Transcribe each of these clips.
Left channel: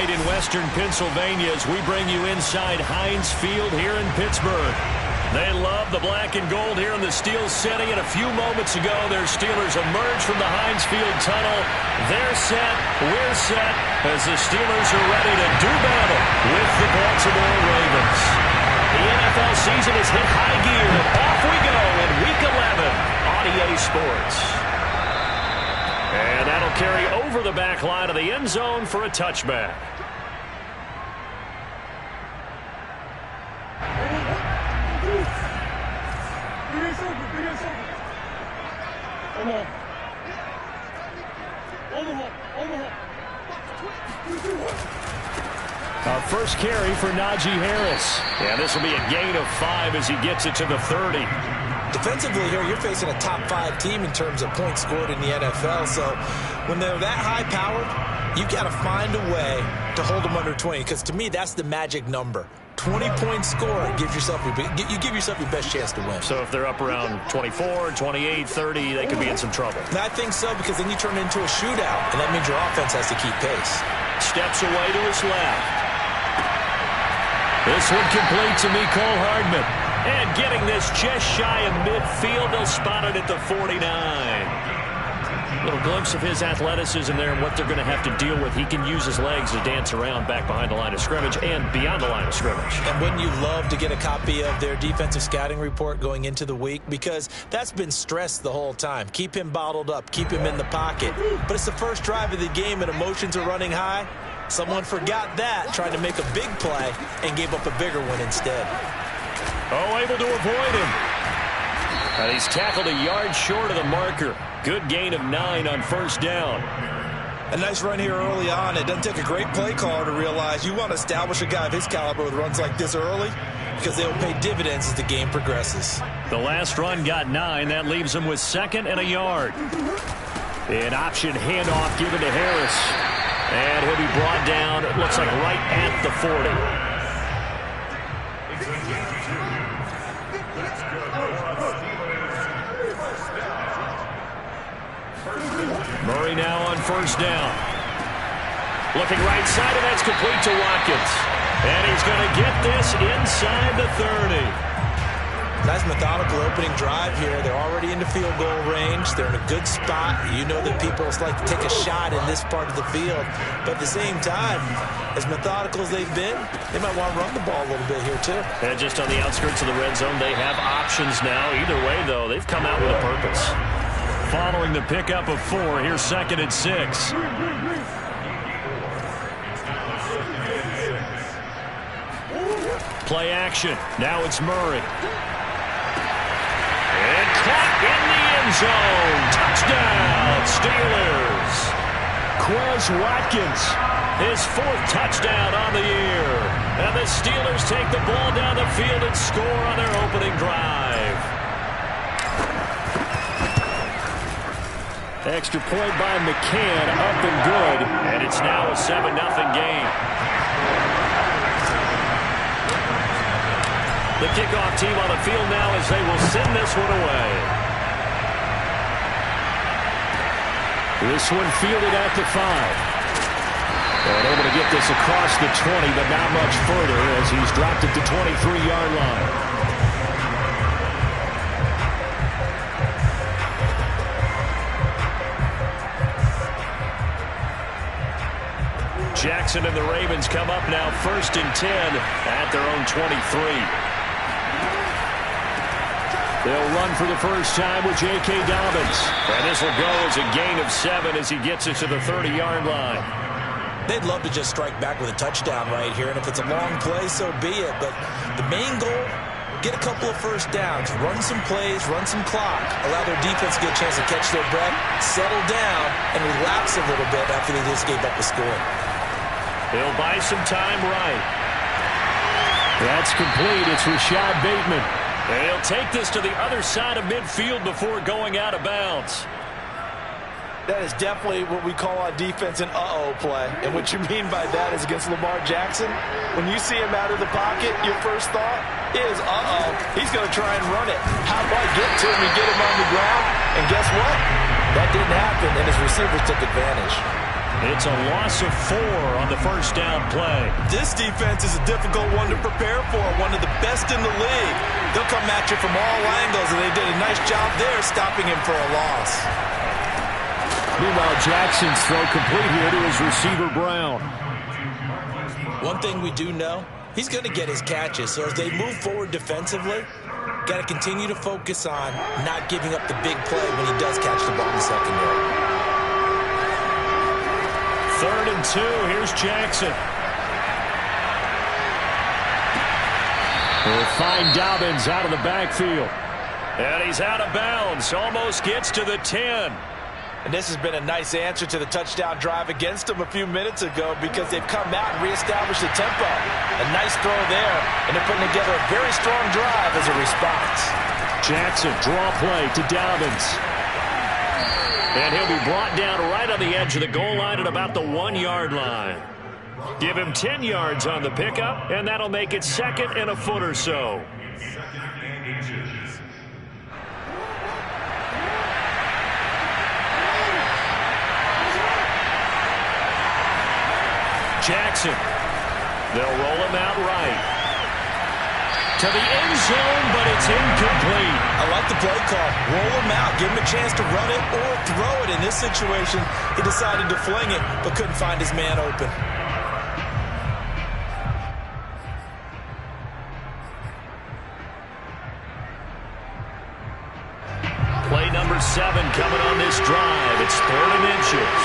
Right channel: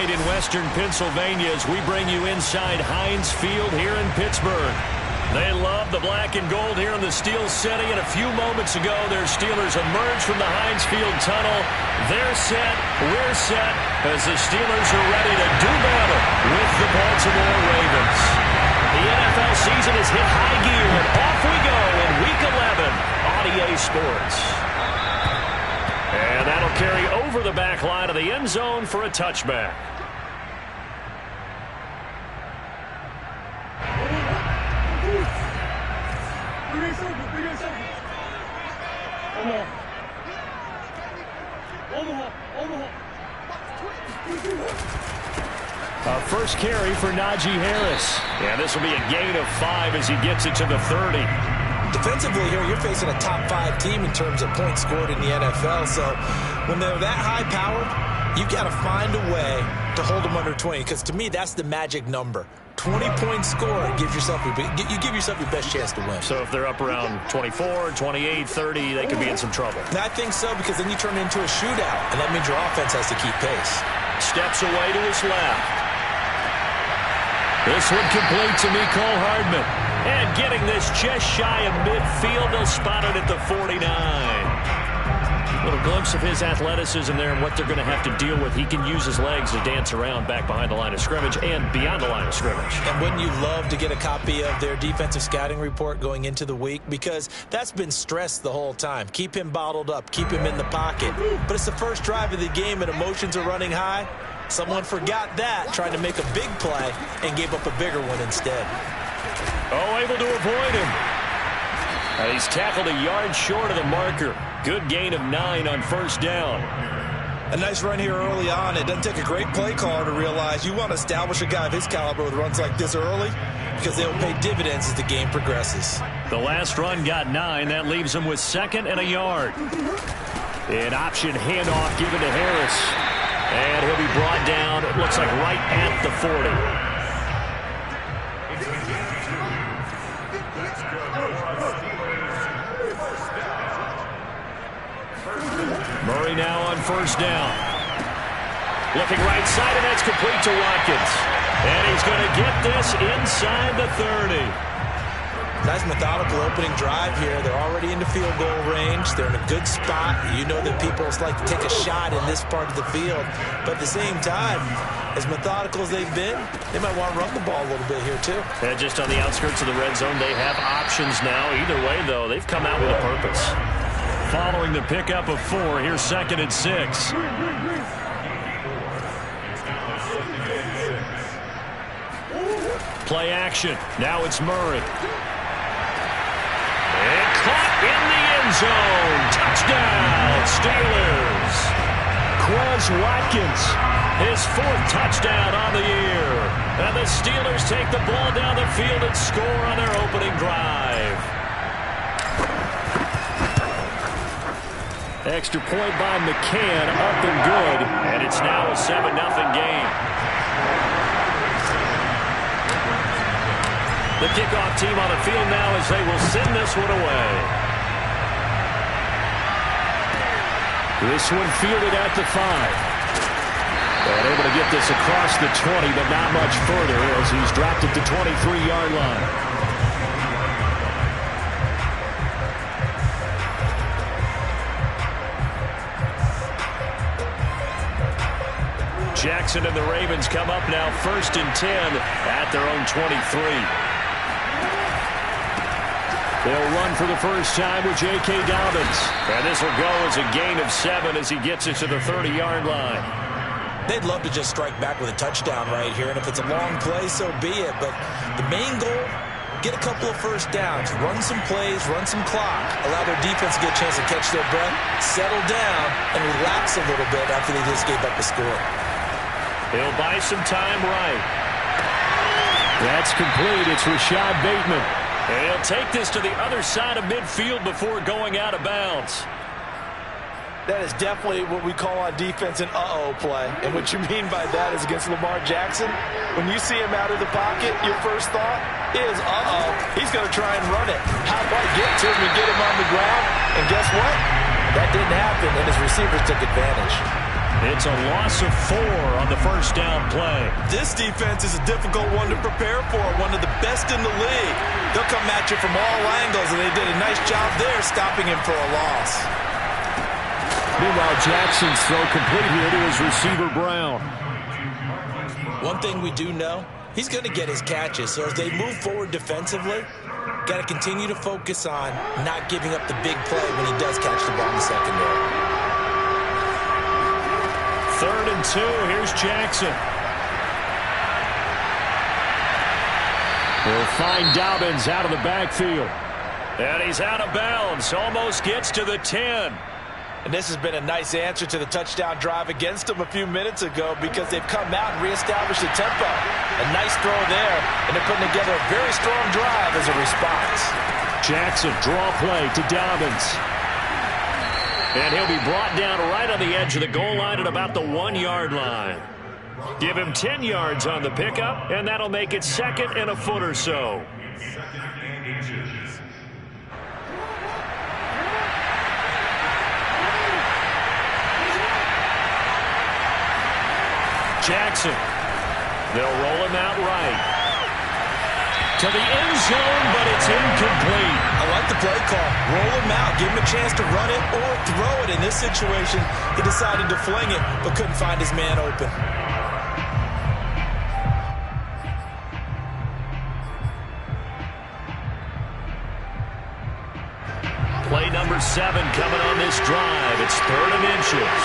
night in western Pennsylvania as we bring you inside Heinz Field here in Pittsburgh. They love the black and gold here in the Steel City, and a few moments ago their Steelers emerged from the Heinz Field tunnel. They're set, we're set, as the Steelers are ready to do battle with the Baltimore Ravens. The NFL season has hit high gear, and off we go in Week 11 on EA Sports. And that'll carry over the back line of the end zone for a touchback. First carry for Najee Harris. And this will be a gain of 5 as he gets it to the 30. Defensively here, you're facing a top 5 team in terms of points scored in the NFL. So when they're that high-powered, you've got to find a way to hold them under 20. Because to me, that's the magic number. 20 points scored, you give yourself your best chance to win. So if they're up around 24, 28, 30, they could be in some trouble. And I think so, because then you turn it into a shootout, and that means your offense has to keep pace. Steps away to his left. This one complete to Mecole Hardman. And getting this just shy of midfield, they'll spot it at the 49. A little glimpse of his athleticism there and what they're going to have to deal with. He can use his legs to dance around back behind the line of scrimmage and beyond the line of scrimmage. And wouldn't you love to get a copy of their defensive scouting report going into the week? Because that's been stressed the whole time. Keep him bottled up. Keep him in the pocket. But it's the first drive of the game and emotions are running high. Someone forgot that, tried to make a big play, and gave up a bigger one instead. Oh, able to avoid him. And he's tackled a yard short of the marker. Good gain of 9 on first down. A nice run here early on. It doesn't take a great play caller to realize you want to establish a guy of his caliber with runs like this early, because they'll pay dividends as the game progresses. The last run got 9. That leaves him with 2nd and a yard. An option handoff given to Harris. And he'll be brought down, it looks like right at the 40. Murray now on first down. Looking right side, and that's complete to Watkins. And he's going to get this inside the 30. Nice methodical opening drive here. They're already into field goal range. They're in a good spot. You know that people like to take a shot in this part of the field. But at the same time, as methodical as they've been, they might want to run the ball a little bit here too. And just on the outskirts of the red zone, they have options now. Either way, though, they've come out with a purpose. Following the pickup of 4, here's 2nd and 6. Play action. Now it's Murray. And caught in the end zone. Touchdown, Steelers. Quez Watkins, his 4th touchdown on the year. And the Steelers take the ball down the field and score on their opening drive. Extra point by McCann, up and good. And it's now a 7-0 game. The kickoff team on the field now as they will send this one away. This one fielded at the 5. And able to get this across the 20, but not much further as he's dropped at the 23-yard line. Jackson and the Ravens come up now 1st and 10 at their own 23. They'll run for the first time with J.K. Dobbins. And this will go as a gain of 7 as he gets it to the 30-yard line. They'd love to just strike back with a touchdown right here. And if it's a long play, so be it. But the main goal, get a couple of first downs, run some plays, run some clock, allow their defense to get a chance to catch their breath, settle down, and relax a little bit after they just gave up a score. He'll buy some time right. That's complete. It's Rashad Bateman. And he'll take this to the other side of midfield before going out of bounds. That is definitely what we call on defense an uh-oh play. And what you mean by that is against Lamar Jackson, when you see him out of the pocket, your first thought is, uh-oh, he's going to try and run it. How do I get to him and get him on the ground? And guess what? That didn't happen, and his receivers took advantage. It's a loss of 4 on the first down play. This defense is a difficult one to prepare for, one of the best in the league. They'll come at you from all angles, and they did a nice job there stopping him for a loss. Meanwhile, Jackson's throw complete here to his receiver, Brown. One thing we do know, he's going to get his catches. So as they move forward defensively, got to continue to focus on not giving up the big play when he does catch the ball in the secondary. 3rd and 2. Here's Jackson. We'll find Dobbins out of the backfield. And he's out of bounds. Almost gets to the 10. And this has been a nice answer to the touchdown drive against them a few minutes ago because they've come out and reestablished the tempo. A nice throw there, and they're putting together a very strong drive as a response. Jackson, draw play to Dobbins. And he'll be brought down right on the edge of the goal line at about the 1-yard line. Give him 10 yards on the pickup, and that'll make it 2nd and a foot or so. Jackson. They'll roll him out right. To the end zone, but it's incomplete. I like the play call. Roll him out. Give him a chance to run it or throw it. In this situation, he decided to fling it, but couldn't find his man open. Play number 7 coming on this drive. It's 3rd and inches.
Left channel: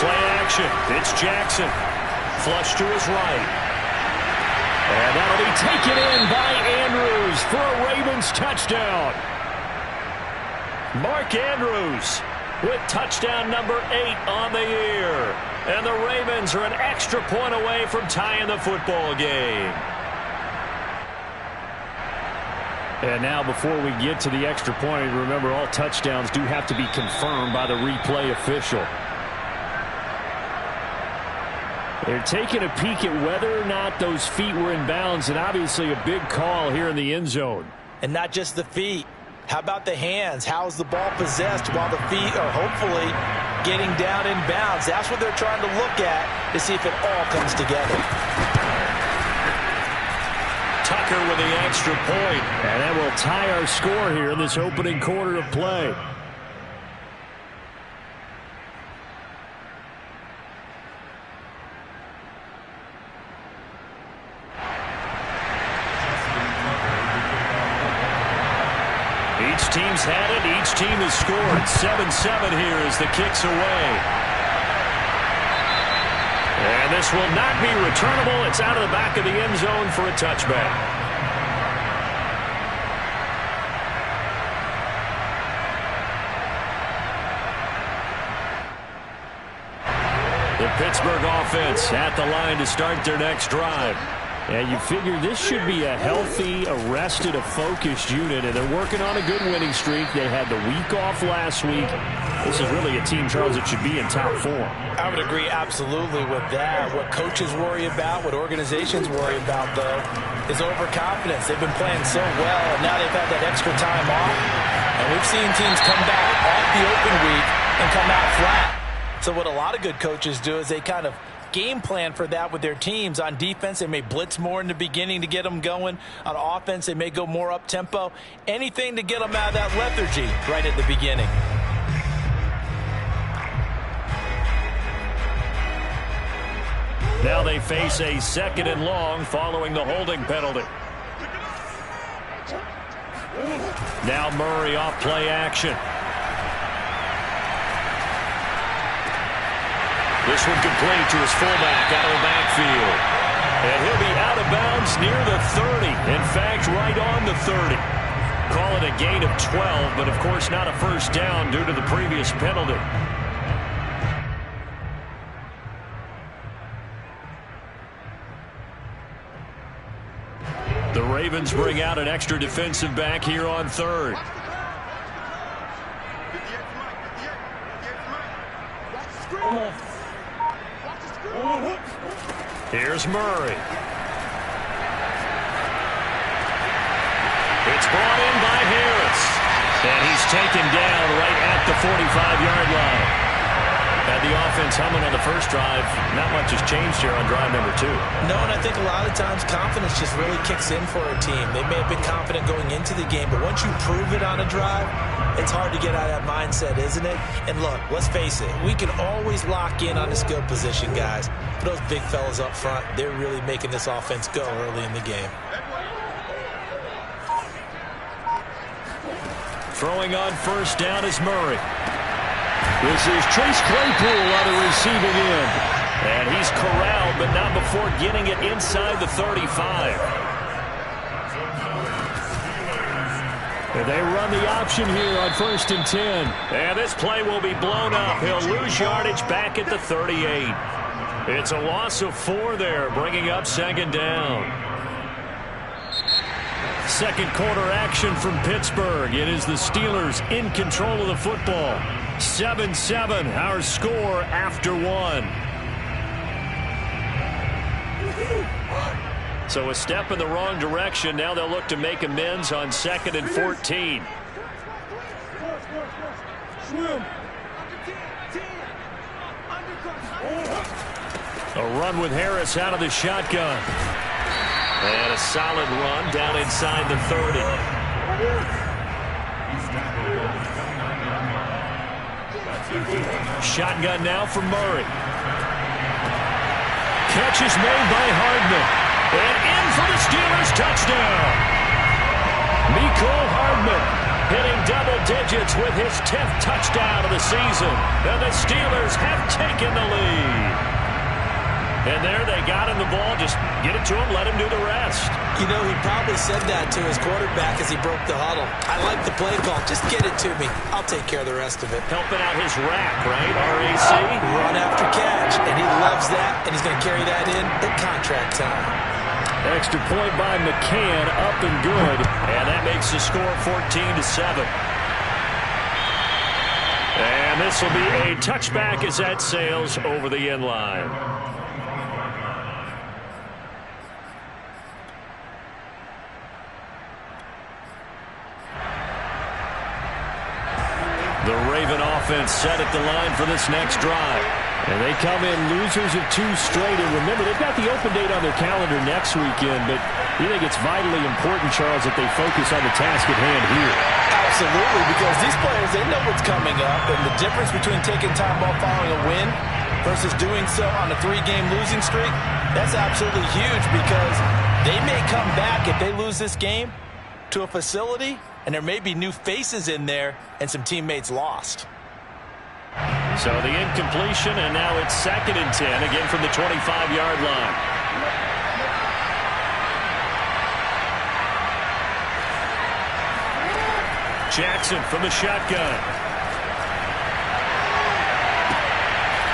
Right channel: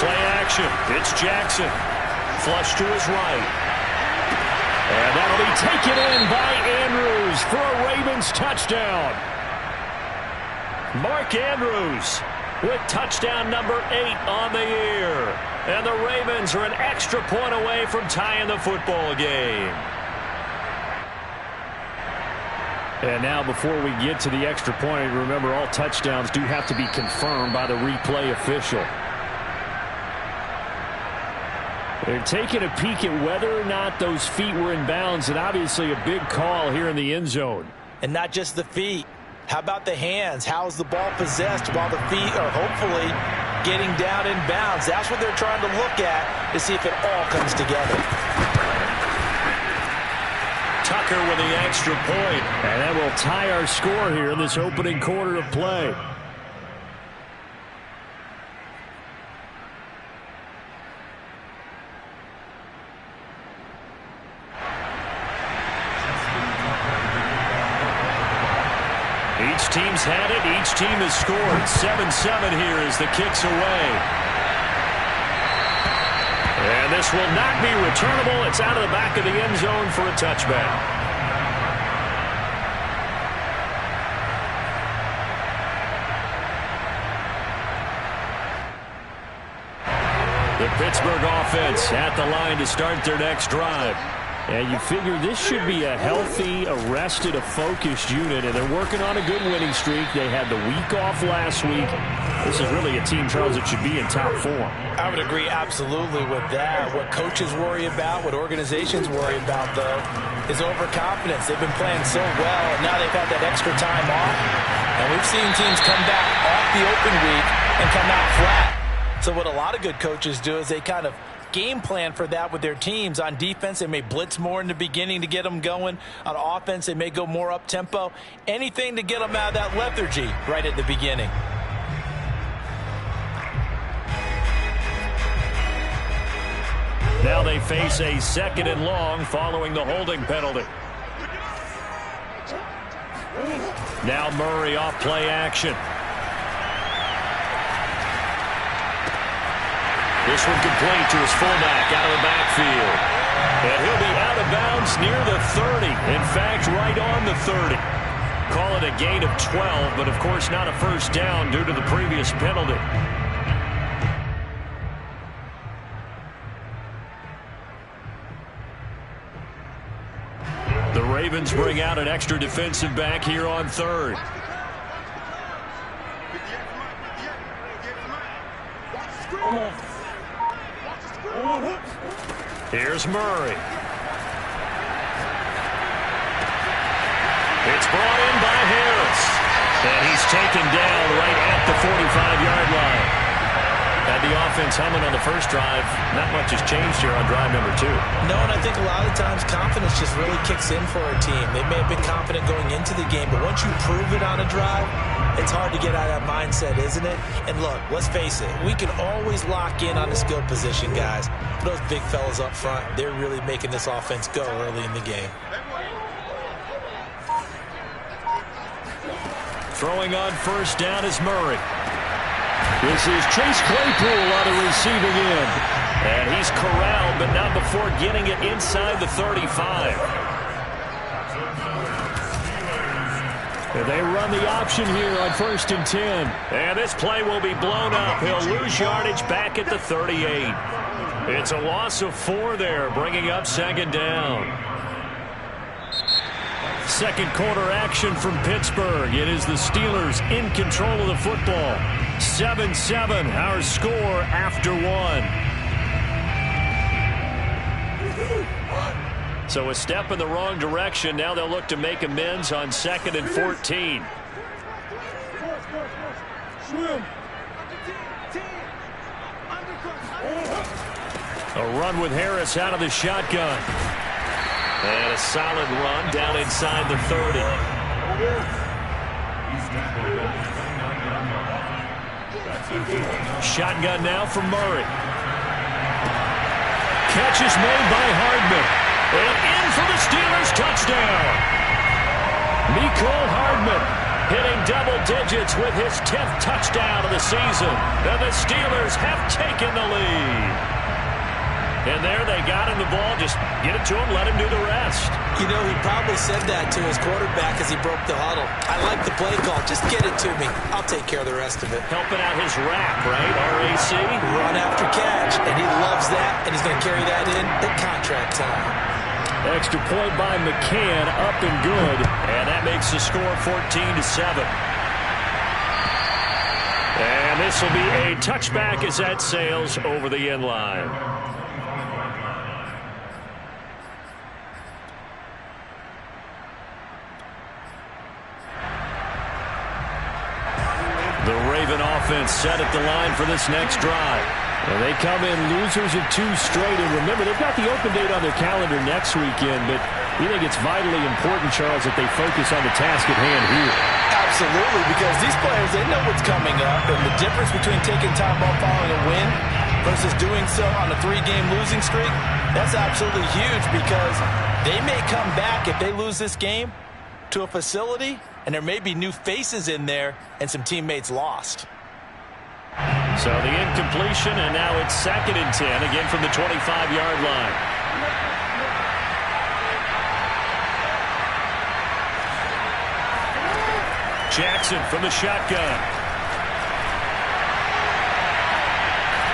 Play action. It's Jackson. Flush to his right. And that'll be taken in by Andrews for a Ravens touchdown. Mark Andrews with touchdown number 8 on the year. And the Ravens are an extra point away from tying the football game. And now before we get to the extra point, remember all touchdowns do have to be confirmed by the replay official. They're taking a peek at whether or not those feet were in bounds, and obviously a big call here in the end zone. And not just the feet. How about the hands? How is the ball possessed while the feet are hopefully getting down in bounds? That's what they're trying to look at to see if it all comes together. Tucker with the extra point. And that will tie our score here in this opening quarter of play. Each team's had it. Each team has scored. 7-7 here as the kick's away. And this will not be returnable. It's out of the back of the end zone for a touchback. The Pittsburgh offense at the line to start their next drive. And you figure this should be a healthy, arrested, a focused unit, and they're working on a good winning streak. They had the week off last week. This is really a team, Charles, that should be in top form. I would agree absolutely with that. What coaches worry about, what organizations worry about, though, is overconfidence. They've been playing so well, and now they've had that extra time off. And we've seen teams come back off the open week and come out flat. So what a lot of good coaches do is they kind of game plan for that with their teams. On defense, they may blitz more in the beginning to get them going. On offense, they may go more up-tempo. Anything to get them out of that lethargy right at the beginning. Now they face a 2nd and long following the holding penalty. Now Murray off play action. This one complete to his fullback out of the backfield. And he'll be out of bounds near the 30. In fact, right on the 30. Call it a gain of 12, but of course not a first down due to the previous penalty. The Ravens bring out an extra defensive back here on 3rd. Here's Murray. It's brought in by Harris. And he's taken down right at the 45-yard line. Had the offense humming on the first drive. Not much has changed here on drive number 2. No, and I think a lot of times confidence just really kicks in for a team. They may have been confident going into the game, but once you prove it on a drive, it's hard to get out of that mindset, isn't it? And look, let's face it, we can always lock in on the skill position, guys. But those big fellas up front, they're really making this offense go early in the game. Throwing on first down is Murray. This is Chase Claypool on the receiving end. And he's corralled, but not before getting it inside the 35. And they run the option here on 1st and 10. And this play will be blown up. He'll lose yardage back at the 38. It's a loss of 4 there, bringing up 2nd down. Second quarter action from Pittsburgh. It is the Steelers in control of the football. 7-7, our score after 1. So a step in the wrong direction. Now they'll look to make amends on 2nd and 14. A run with Harris out of the shotgun. And a solid run down inside the 30. Shotgun now for Murray. Catch is made by Hardman. And in for the Steelers touchdown. Mecole Hardman hitting double digits with his 10th touchdown of the season. And the Steelers have taken the lead. And there they got him the ball. Just get it to him, let him do the rest. You know, he probably said that to his quarterback as he broke the huddle. I like the play call. Just get it to me. I'll take care of the rest of it. Helping out his rap, right? RAC? Run after catch. And he loves that, and he's going to carry that in at contract time. Extra point by McCann, up and good. And that makes the score 14-7. And this will be a touchback as that sails over the end line. The Raven offense set at the line for this next drive. And they come in losers of 2 straight. And remember, they've got the open date on their calendar next weekend. But you think it's vitally important, Charles, that they focus on the task at hand here? Absolutely, because these players, they know what's coming up. And the difference between taking time off following a win versus doing so on a 3-game losing streak, that's absolutely huge, because they may come back if they lose this game to a facility, and there may be new faces in there and some teammates lost. So the incompletion, and now it's 2nd and 10, again from the 25-yard line. Jackson from the shotgun.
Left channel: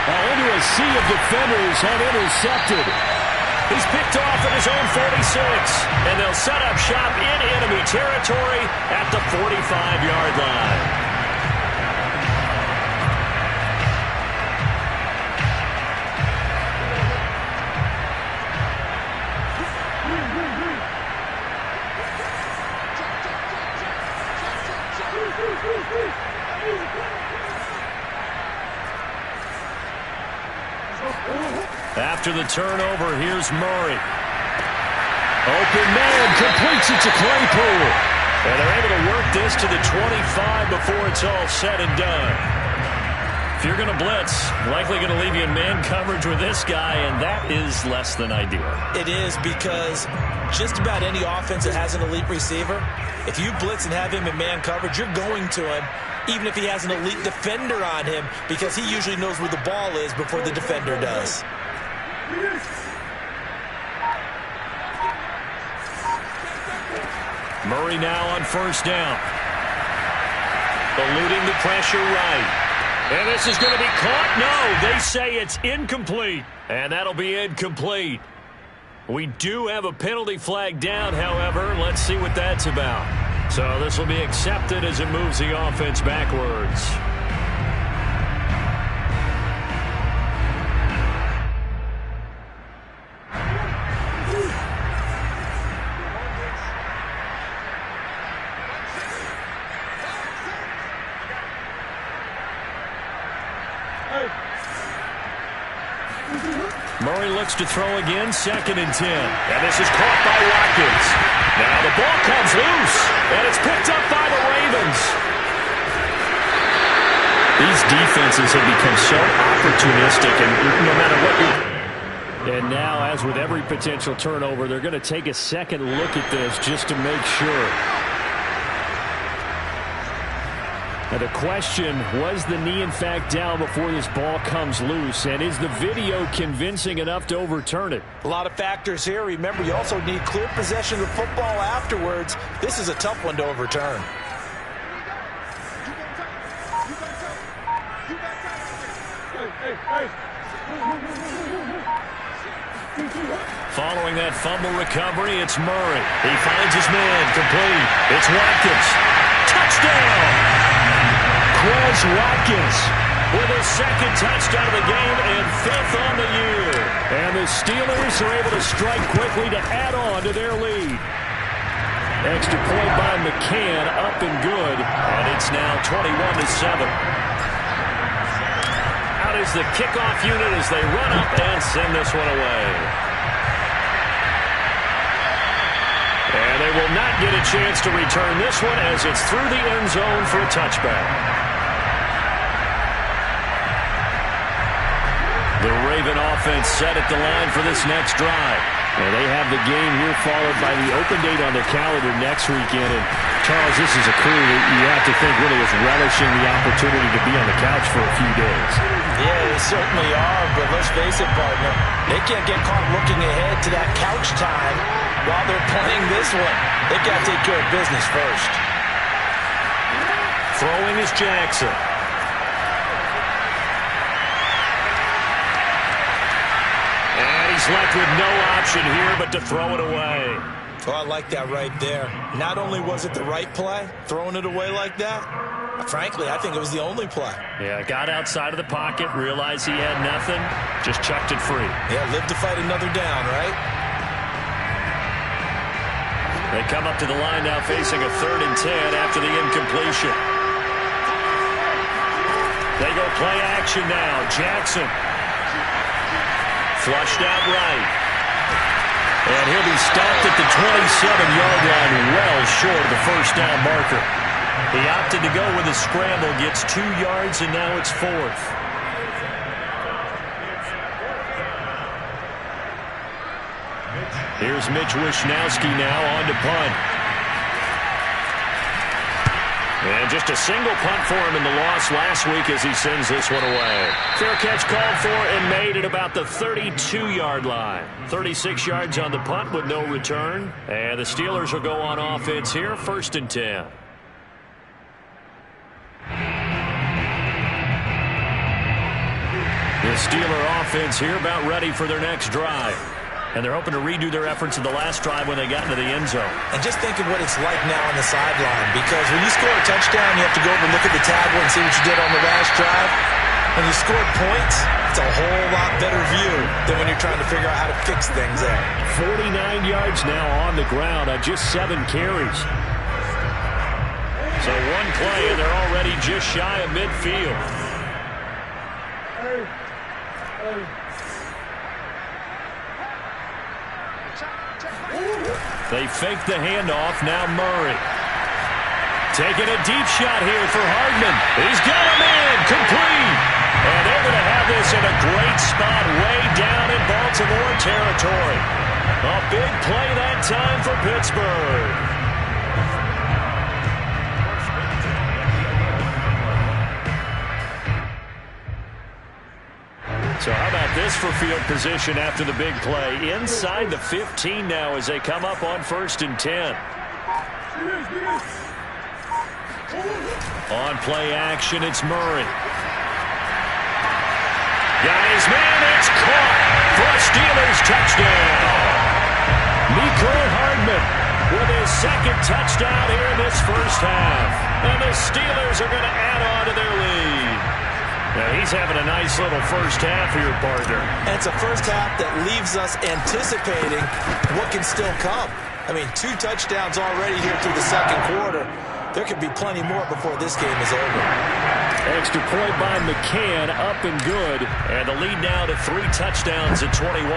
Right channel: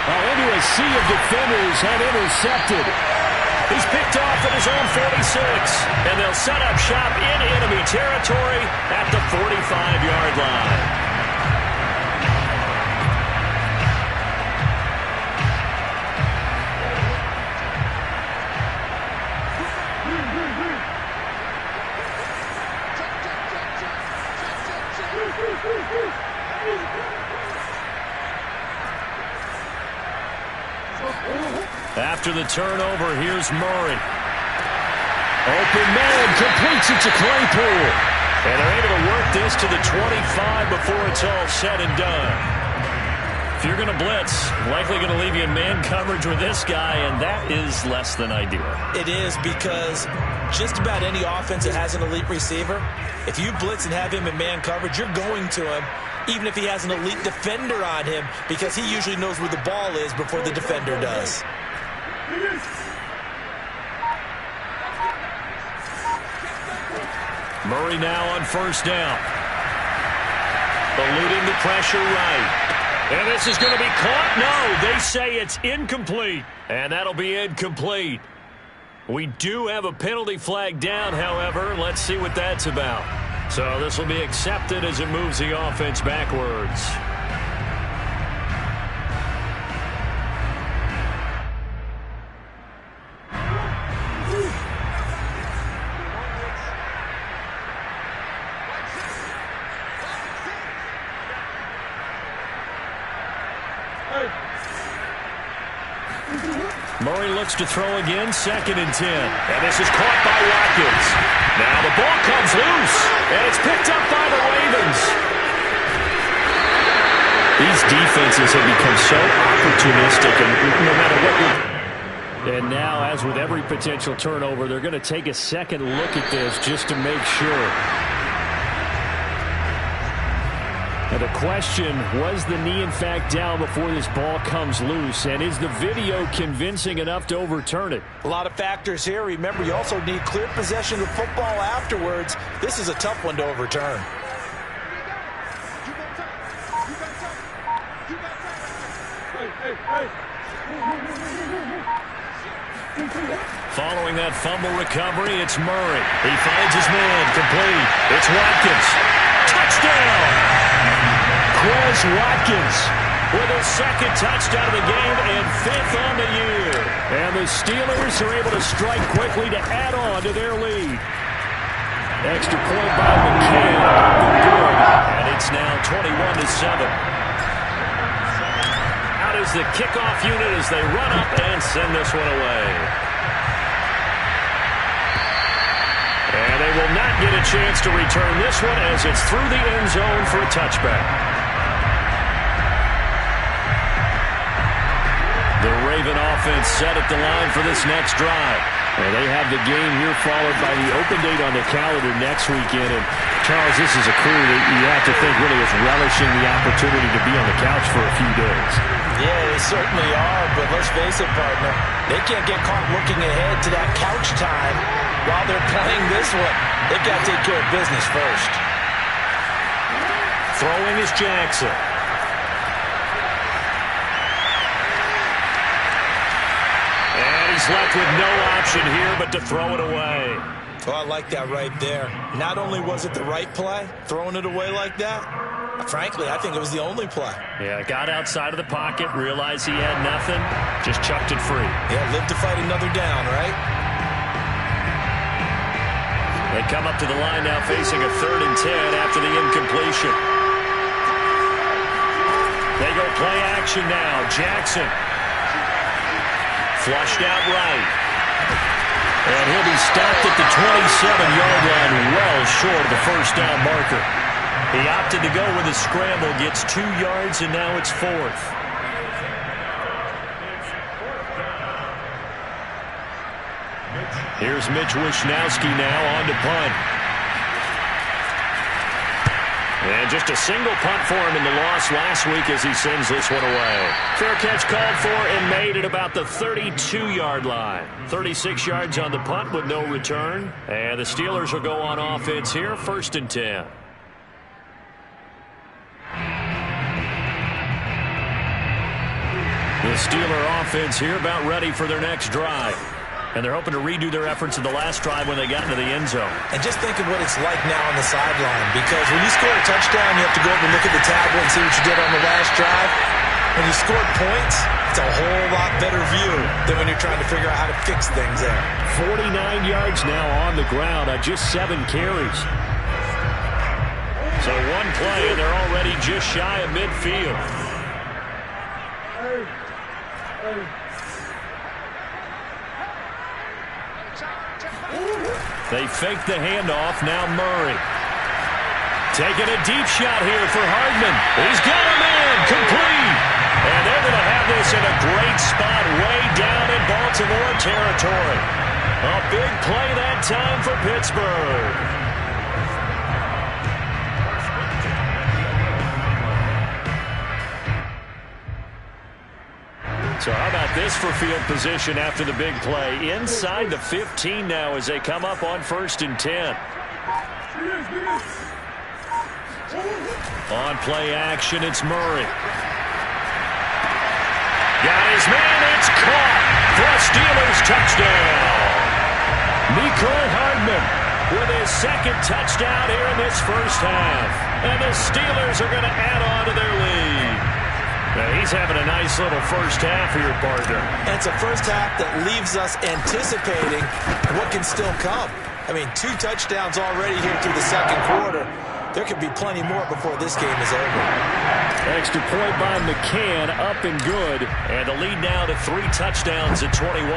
Oh, into a sea of defenders and intercepted. He's picked off at his own 46, and they'll set up shop in enemy territory at the 45-yard line. After the turnover, here's Murray. Open man, completes it to Claypool. And they're able to work this to the 25 before it's all said and done. If you're going to blitz, likely going to leave you in man coverage with this guy, and that is less than ideal. It is, because just about any offense that has an elite receiver, if you blitz and have him in man coverage, you're going to him, even if he has an elite defender on him, because he usually knows where the ball is before the defender does. Murray now on first down. Eluding the pressure right. And this is going to be caught. No, they say it's incomplete. And that'll be incomplete. We do have a penalty flag down, however. Let's see what that's about. So this will be accepted as it moves the offense backwards. Murray looks to throw again, 2nd and 10. And this is caught by Watkins. Now the ball comes loose, and it's picked up by the Ravens. These defenses have become so opportunistic, and no matter what you're... And now, as with every potential turnover, they're going to take a second look at this just to make sure. Now the question, was the knee in fact down before this ball comes loose? And is the video convincing enough to overturn it? A lot of factors here. Remember, you also need clear possession of the football afterwards. This is a tough one to overturn. Following that fumble recovery, it's Murray. He finds his man, complete. It's Watkins. Touchdown! Quez Watkins with his 2nd touchdown of the game and 5th on the year. And the Steelers are able to strike quickly to add on to their lead. Extra point by McCann, up and good. And it's now 21-7. Out is the kickoff unit as they run up and send this one away. And they will not get a chance to return this one as it's through the end zone for a touchback. The Raven offense set at the line for this next drive. And they have the game here followed by the open date on the calendar next weekend. And, Charles, this is a crew that you have to think really is relishing the opportunity to be on the couch for a few days. Yeah, they certainly are, but let's face it, partner. They can't get caught looking ahead to that couch time while they're playing this one. They've got to take care of business first. Throwing is Jackson. And he's left with no option here but to throw it away. Oh, I like that right there. Not only was it the right play, throwing it away like that, frankly, I think it was the only play. Yeah, got outside of the pocket, realized he had nothing, just chucked it free. Yeah, live to fight another down, right? They come up to the line now facing a 3rd and 10 after the incompletion. They go play action now. Jackson. Flushed out right. And he'll be stopped at the 27-yard line, well short of the first down marker. He opted to go with a scramble, gets 2 yards, and now it's 4th. Here's Mitch Wishnowski now on to punt. And just a single punt for him in the loss last week as he sends this one away. Fair catch called for and made at about the 32-yard line. 36 yards on the punt with no return. And the Steelers will go on offense here, 1st and 10. The Steeler offense here about ready for their next drive. And they're hoping to redo their efforts in the last drive when they got into the end zone. And just think of what it's like now on the sideline, because when you score a touchdown, you have to go over and look at the tablet and see what you did on the last drive. When you scored points, it's a whole lot better view than when you're trying to figure out how to fix things there. 49 yards now on the ground on just 7 carries. So one play, and they're already just shy of midfield. They fake the handoff. Now Murray. Taking a deep shot here for Hardman. He's got a man. Complete. And they're going to have this in a great spot way down in Baltimore territory. A big play that time for Pittsburgh. So how about this for field position after the big play? Inside the 15 now as they come up on 1st and 10. On play action, it's Murray. Got his man, it's caught for a Steelers touchdown. Mecole Hardman with his 2nd touchdown here in this first half. And the Steelers are going to add on to their lead. Now he's having a nice little first half here, partner. And it's a first half that leaves us anticipating what can still come. I mean, 2 touchdowns already here through the 2nd quarter. There could be plenty more before this game is over. Extra point by McCann, up and good. And the lead now to 3 touchdowns at 21.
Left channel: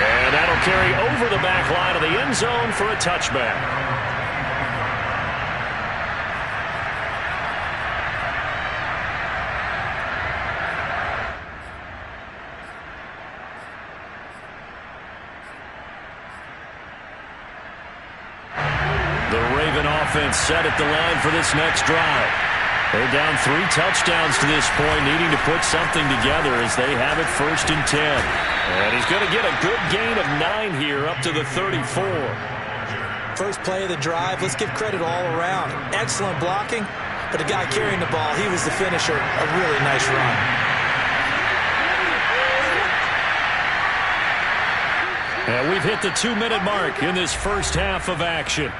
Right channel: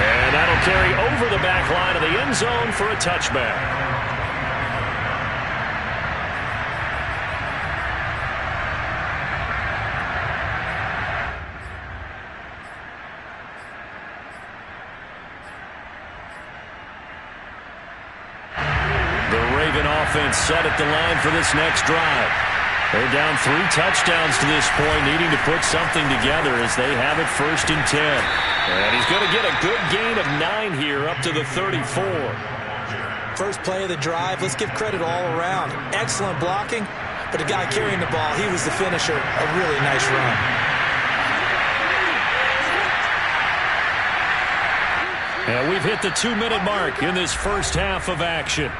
And that'll carry over the back line of the end zone for a touchback. The Raven offense set at the line for this next drive. They're down 3 touchdowns to this point, needing to put something together as they have it 1st and 10. And he's going to get a good gain of 9 here up to the 34. First play of the drive, let's give credit all around. Excellent blocking, but the guy carrying the ball, he was the finisher. A really nice run. And we've hit the 2-minute mark in this first half of action.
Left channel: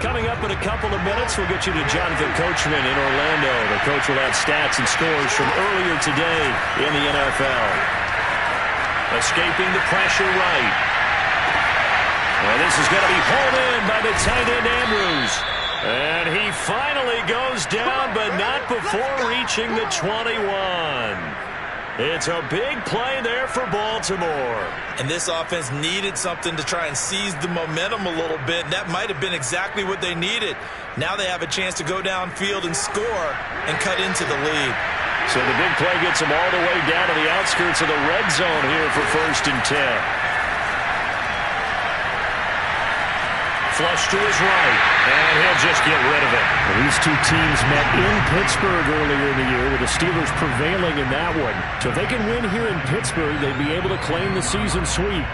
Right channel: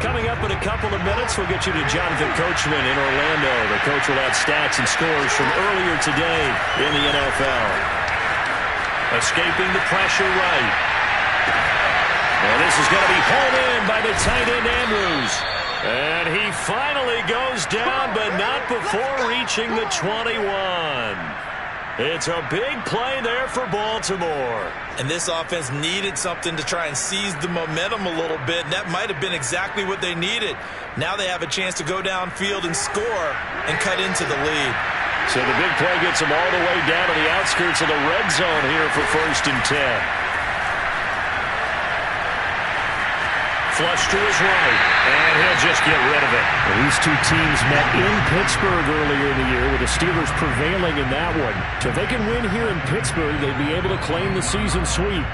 Coming up in a couple of minutes, we'll get you to Jonathan Coachman in Orlando. The coach will have stats and scores from earlier today in the NFL. Escaping the pressure right. And this is going to be hauled in by the tight end Andrews. And he finally goes down, but not before reaching the 21. It's a big play there for Baltimore. And this offense needed something to try and seize the momentum a little bit. And that might have been exactly what they needed. Now they have a chance to go downfield and score and cut into the lead. So the big play gets them all the way down to the outskirts of the red zone here for 1st and 10. Flush to his right, and he'll just get rid of it. Well, these two teams met in Pittsburgh earlier in the year, with the Steelers prevailing in that one. So if they can win here in Pittsburgh, they'd be able to claim the season sweep.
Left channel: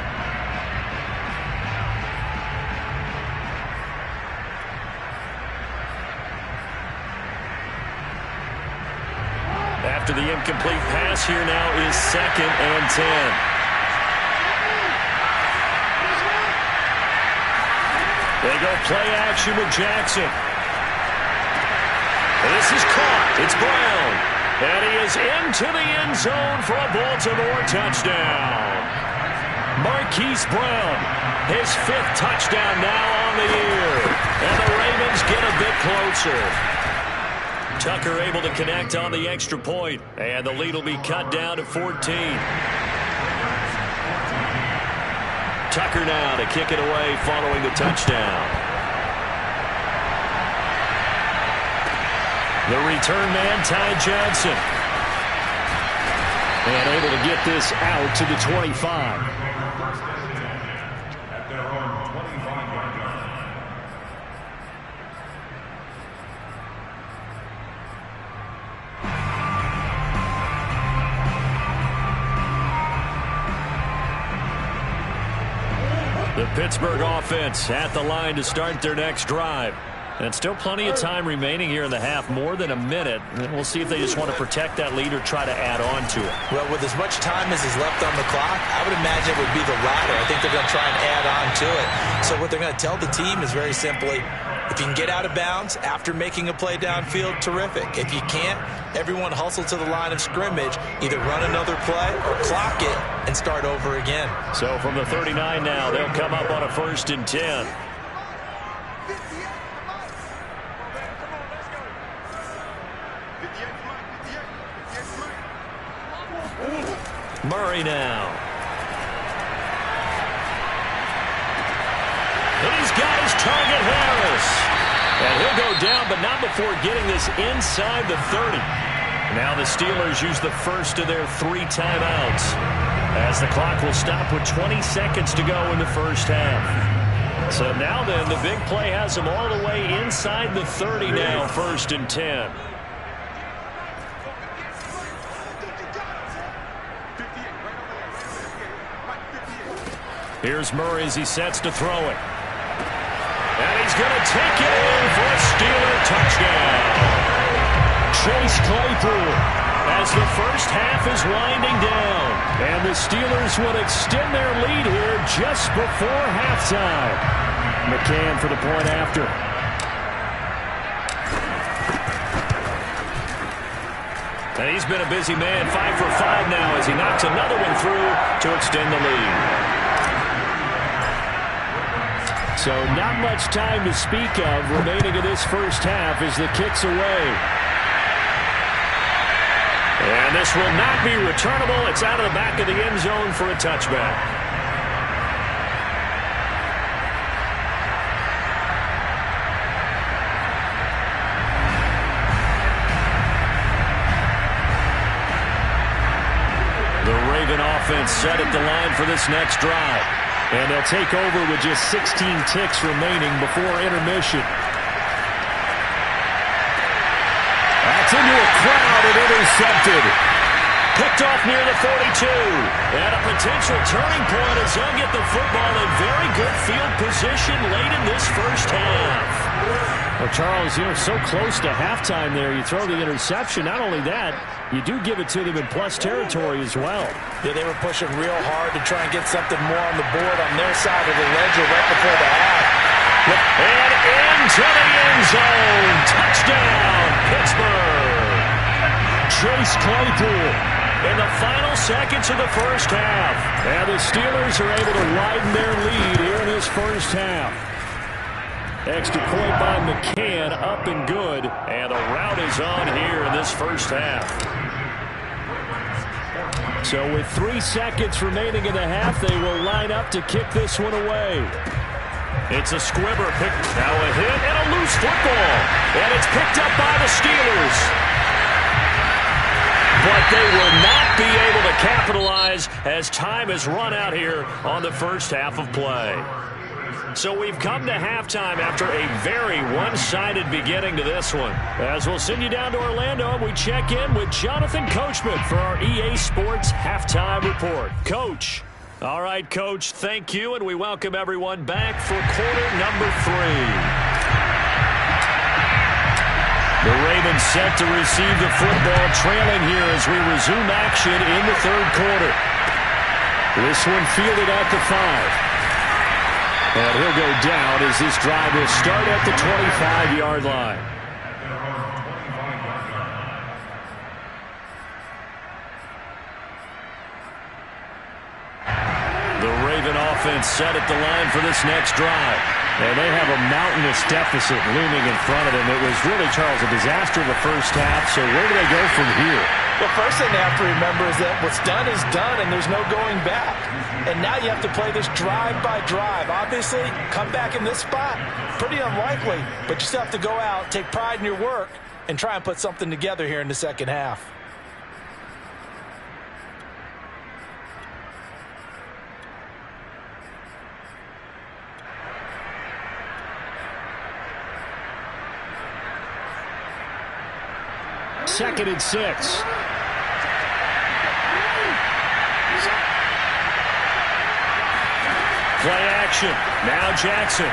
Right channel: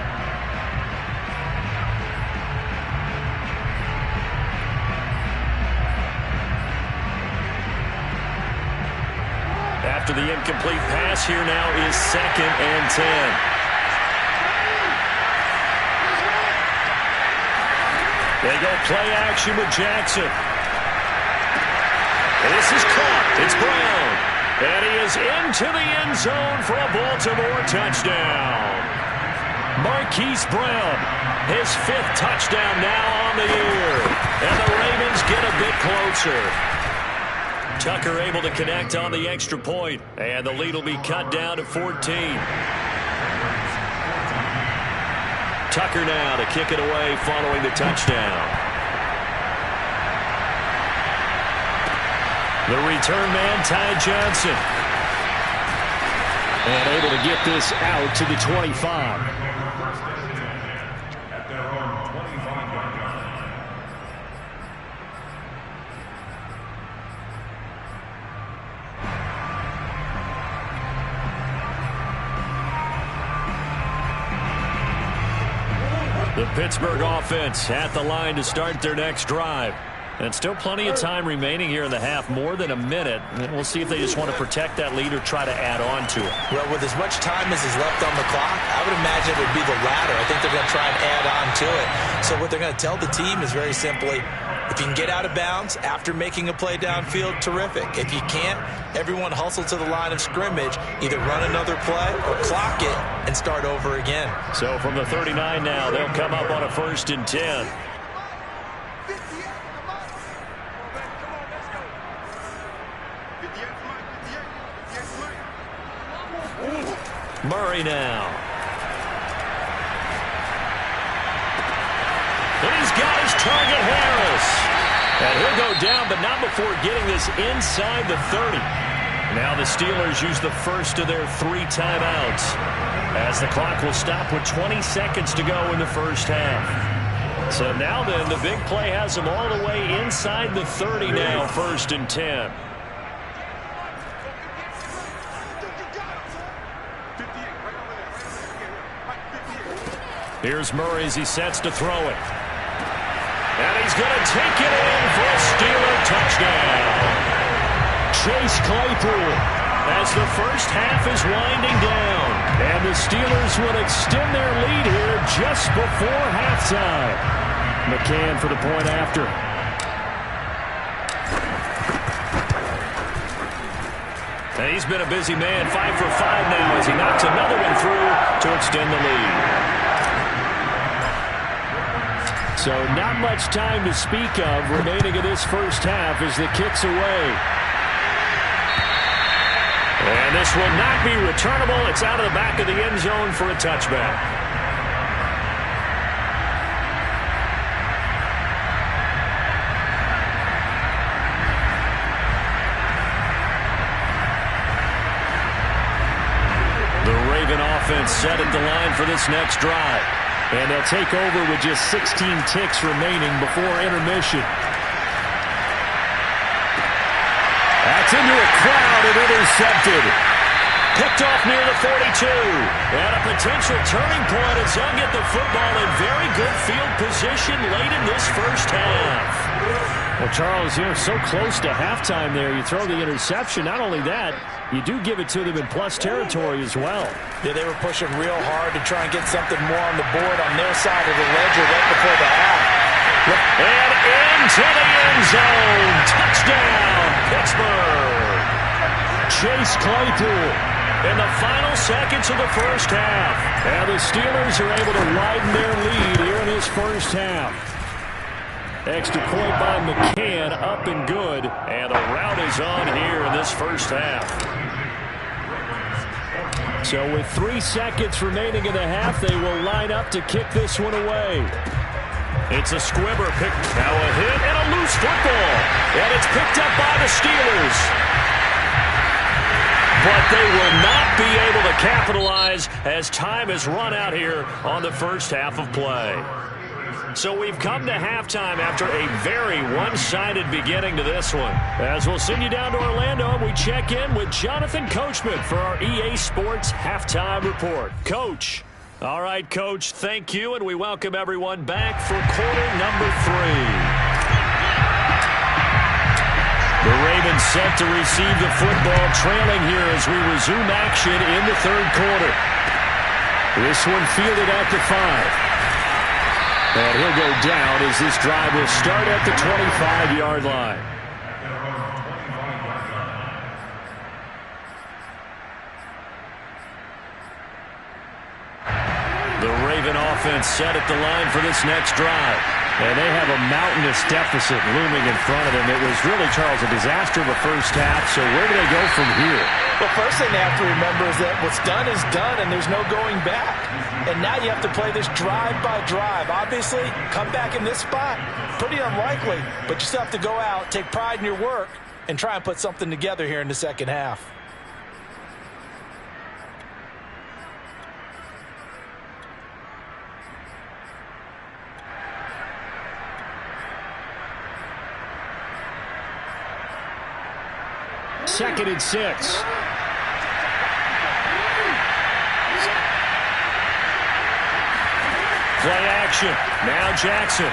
After the incomplete pass, here now is 2nd and 10. They go play action with Jackson. And this is caught. It's Brown. And he is into the end zone for a Baltimore touchdown. Marquise Brown, his 5th touchdown now on the year. And the Ravens get a bit closer. Tucker able to connect on the extra point. And the lead will be cut down to 14. Tucker now to kick it away following the touchdown. The return man, Ty Johnson. And able to get this out to the 25. At their own 25-yard line. The Pittsburgh offense at the line to start their next drive. And still plenty of time remaining here in the half, more than a minute. And we'll see if they just want to protect that lead or try to add on to it. Well, with as much time as is left on the clock, I would imagine it would be the latter. I think they're going to try and add on to it. So what they're going to tell the team is very simply, if you can get out of bounds after making a play downfield, terrific. If you can't, everyone hustle to the line of scrimmage, either run another play or clock it and start over again. So from the 39 now, they'll come up on a 1st and 10. Murray now. And he's got his target, Harris. And he'll go down, but not before getting this inside the 30. Now the Steelers use the first of their 3 timeouts, as the clock will stop with 20 seconds to go in the first half. So now then, the big play has them all the way inside the 30 now, 1st and 10. Here's Murray as he sets to throw it. And he's going to take it in for a Steeler touchdown. Chase Claypool, as the first half is winding down. And the Steelers would extend their lead here just before halftime. McCann for the point after. And he's been a busy man, 5 for 5 now as he knocks another one through to extend the lead. So not much time to speak of remaining in this first half as the kick's away. And this will not be returnable. It's out of the back of the end zone for a touchback. The Raven offense set at the line for this next drive. And they'll take over with just 16 ticks remaining before intermission. That's into a crowd and intercepted. Picked off near the 42. And a potential turning point as they'll get the football in very good field position late in this first half. Well, Charles, you're so close to halftime there. You throw the interception. Not only that, you do give it to them in plus territory as well. Yeah, they were pushing real hard to try and get something more on the board on their side of the ledger right before the half. And into the end zone. Touchdown, Pittsburgh. Chase Claypool. In the final seconds of the first half. And the Steelers are able to widen their lead here in this first half. Extra point by McCann, up and good. And the route is on here in this first half. So with 3 seconds remaining in the half, they will line up to kick this one away. It's a squibber pick. Now a hit and a loose football. And it's picked up by the Steelers. But they will not be able to capitalize as time has run out here on the first half of play. So we've come to halftime after a very one-sided beginning to this one. As we'll send you down to Orlando, we check in with Jonathan Coachman for our EA Sports Halftime Report. Coach. All right, Coach, thank you, and we welcome everyone back for quarter number 3. The Ravens set to receive the football, trailing here as we resume action in the third quarter. This one fielded at the 5. And he'll go down as this drive will start at the 25-yard line. The Raven offense set at the line for this next drive. And they have a mountainous deficit looming in front of them. It was really, Charles, a disaster of a first half. So where do they go from here? Well, first thing they have to remember is that what's done is done, and there's no going back. And now you have to play this drive by drive. Obviously, come back in this spot, pretty unlikely. But you still have to go out, take pride in your work, and try and put something together here in the second half. Second and 6. Play action. Now Jackson.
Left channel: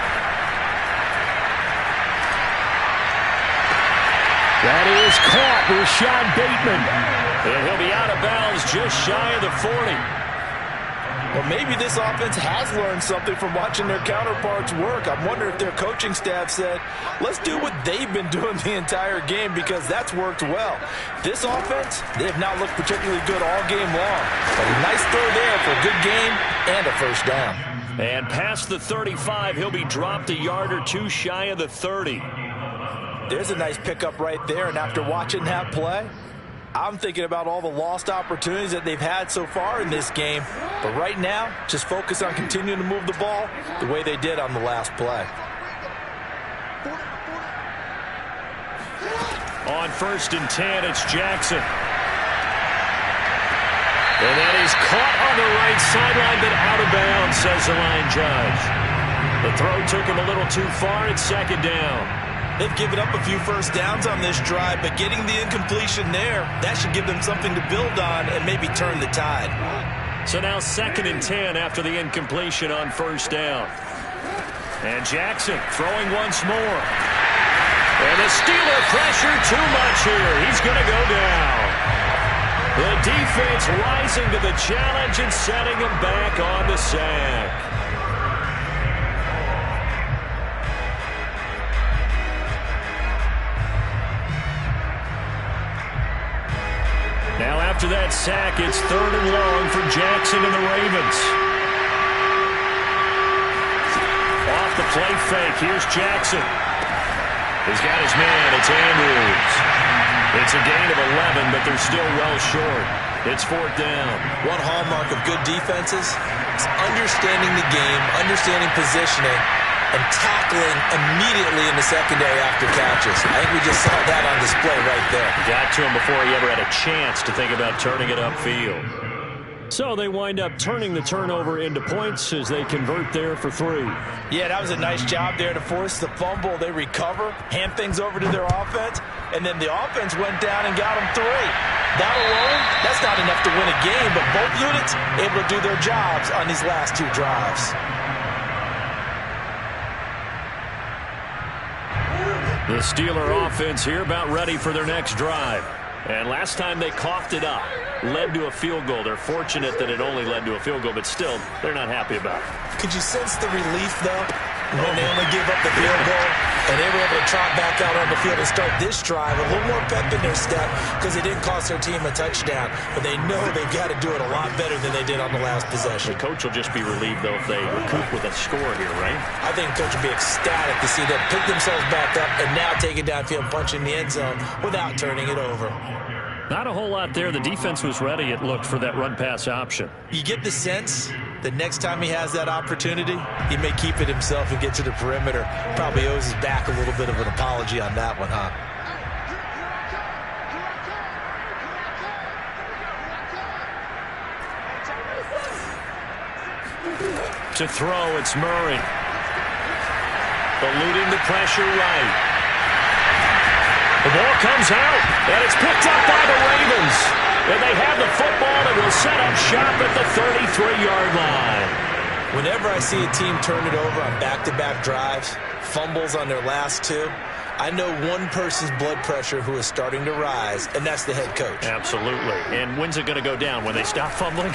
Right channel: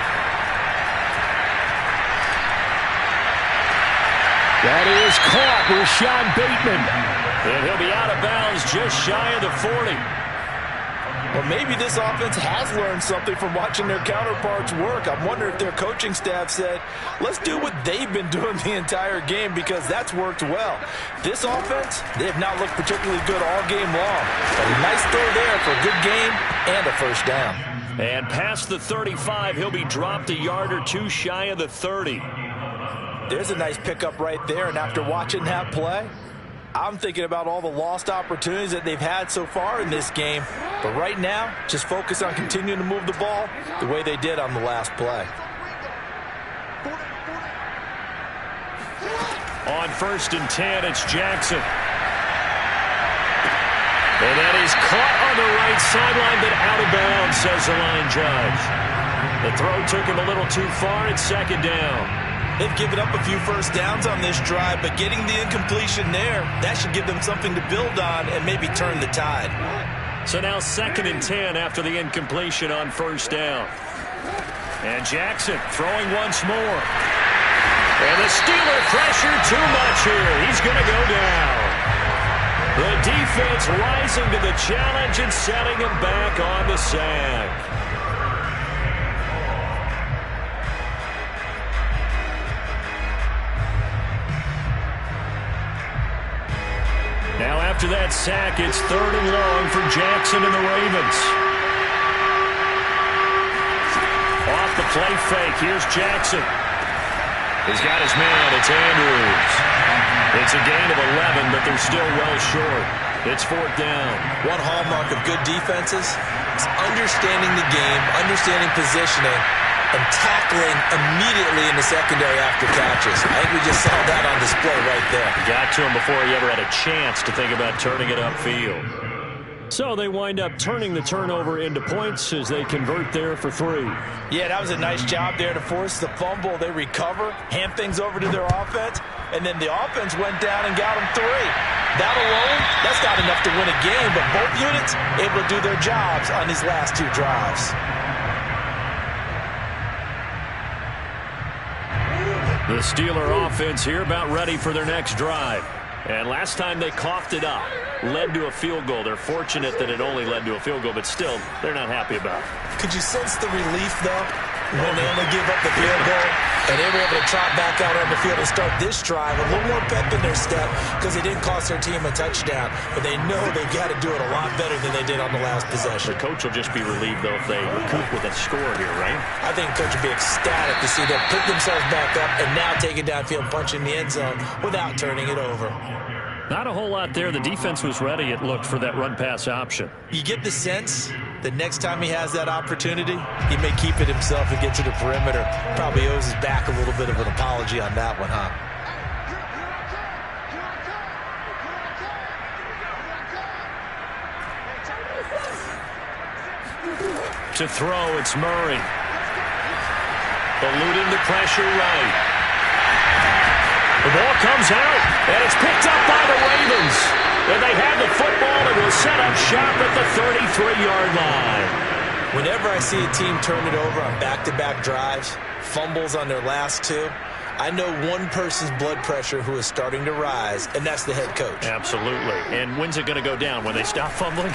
That is caught. Rashad Bateman. And he'll be out of bounds just shy of the 40. Well, maybe this offense has learned something from watching their counterparts work. I'm wondering if their coaching staff said, let's do what they've been doing the entire game, because that's worked well. This offense, they have not looked particularly good all game long. But a nice throw there for a good gain and a first down. And past the 35, he'll be dropped a yard or two shy of the 30. There's a nice pickup right there, and after watching that play, I'm thinking about all the lost opportunities that they've had so far in this game. But right now, just focus on continuing to move the ball the way they did on the last play. On 1st and 10, it's Jackson. And that is caught on the right sideline, but out of bounds, says the line judge. The throw took him a little too far. It's second down. They've given up a few first downs on this drive, but getting the incompletion there, that should give them something to build on and maybe turn the tide. So now 2nd and 10 after the incompletion on first down. And Jackson throwing once more. And the Steeler pressure too much here. He's going to go down. The defense rising to the challenge and setting him back on the sack. after that sack, it's 3rd and long for Jackson and the Ravens. Off the play fake, here's Jackson. He's got his man, it's Andrews. It's a gain of 11, but they're still well short. It's 4th down. One hallmark of good defenses is understanding the game, understanding positioning, and tackling immediately in the secondary after catches. I think we just saw that on display right there. Got to him before he ever had a chance to think about turning it upfield. So they wind up turning the turnover into points as they convert there for 3. Yeah, that was a nice job there to force the fumble. They recover, hand things over to their offense, and then the offense went down and got them 3. That alone, that's not enough to win a game, but both units able to do their jobs on these last 2 drives. The Steeler offense here about ready for their next drive. And last time they coughed it up, led to a field goal. They're fortunate that it only led to a field goal, but still, they're not happy about it. Could you sense the relief, though, when they only gave up the field goal and they were able to trot back out on the field and start this drive? A little more pep in their step because they didn't cost their team a touchdown, but they know they've got to do it a lot better than they did on the last possession. The coach will just be relieved, though, if they recoup with a score here, right? I think the coach will be ecstatic to see them pick themselves back up and now take it downfield and punch in the end zone without turning it over. Not a whole lot there. The defense was ready, it looked, for that run-pass option. You get the sense that next time he has that opportunity, he may keep it himself and get to the perimeter. Probably owes his back a little bit of an apology on that one, huh? To throw, it's Murray. Eluding the pressure right. The ball comes out, and it's picked up by the Ravens. And they have the football and will set up shop at the 33-yard line. Whenever I see a team turn it over on back-to-back drives, fumbles on their last 2, I know one person's blood pressure who is starting to rise, and that's the head coach. Absolutely. And when's it going to go down? When they stop fumbling?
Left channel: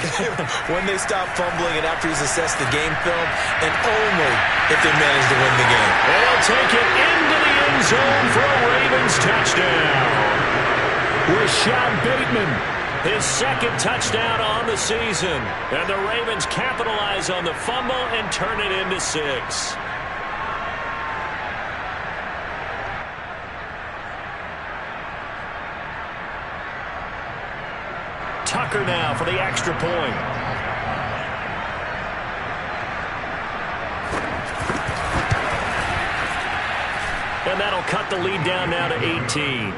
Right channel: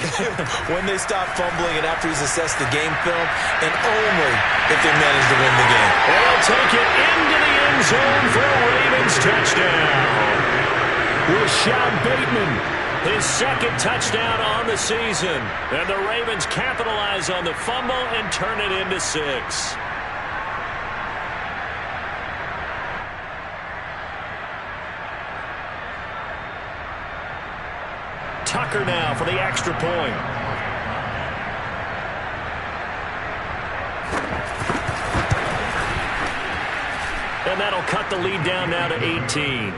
When they stop fumbling and after he's assessed the game film, and only if they manage to win the game. They'll take it into the end zone for a Ravens touchdown. Rashad Bateman, his 2nd touchdown on the season. And the Ravens capitalize on the fumble and turn it into 6. Tucker now for the extra point. And that'll cut the lead down now to 18.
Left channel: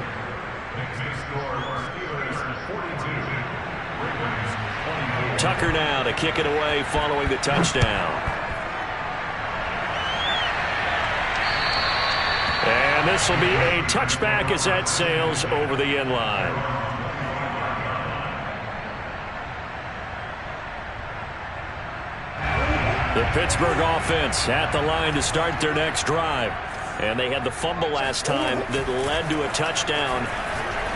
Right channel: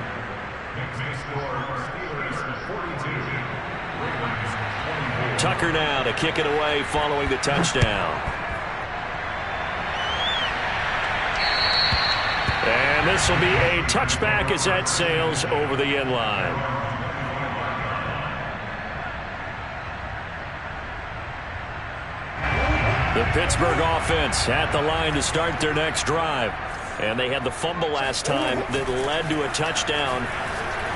Tucker now to kick it away following the touchdown. And this will be a touchback as that sails over the end line. The Pittsburgh offense at the line to start their next drive. And they had the fumble last time that led to a touchdown.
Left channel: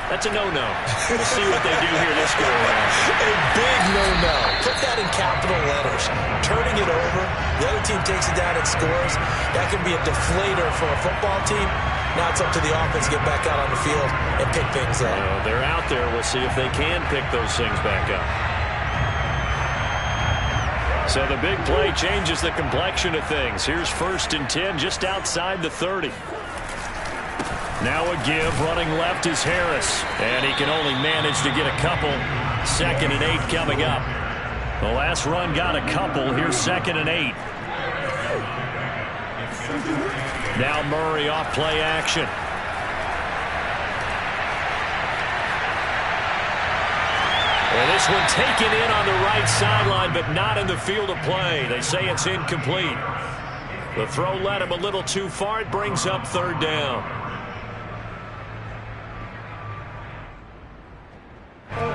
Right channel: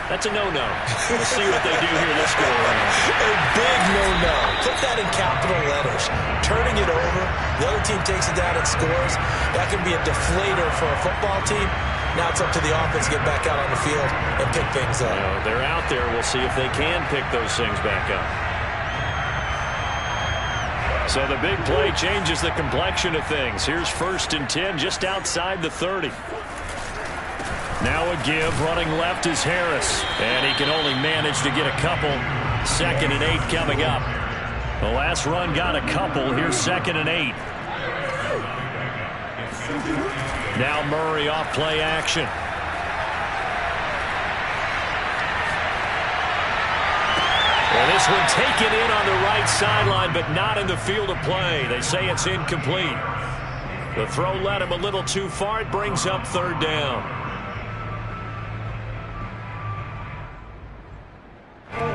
That's a no-no. We'll see what they do here this go-around. A big no-no. Put that in capital letters. Turning it over, the other team takes it down and scores. That can be a deflator for a football team. Now it's up to the offense to get back out on the field and pick things up. They're out there. We'll see if they can pick those things back up. So the big play changes the complexion of things. Here's 1st and 10 just outside the 30. Now a give, running left is Harris. And he can only manage to get a couple. 2nd and 8 coming up. The last run got a couple. Here's 2nd and 8. Now Murray off play action. And this one taken in on the right sideline, but not in the field of play. They say it's incomplete. The throw led him a little too far. It brings up 3rd down.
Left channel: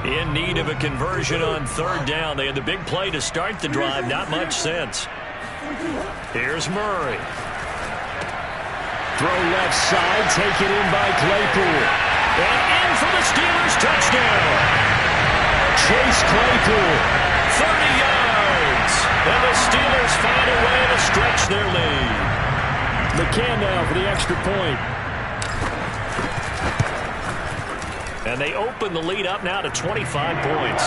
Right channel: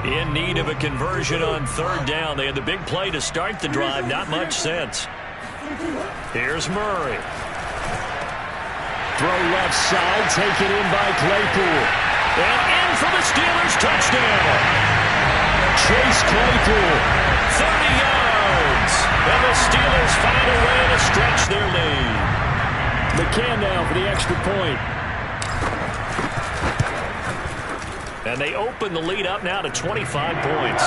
In need of a conversion on 3rd down. They had the big play to start the drive. Not much sense. Here's Murray. Throw left side, taken in by Claypool. And in for the Steelers touchdown. Chase Claypool. 30 yards. And the Steelers find a way to stretch their lead. McCann now for the extra point. And they open the lead up now to 25 points.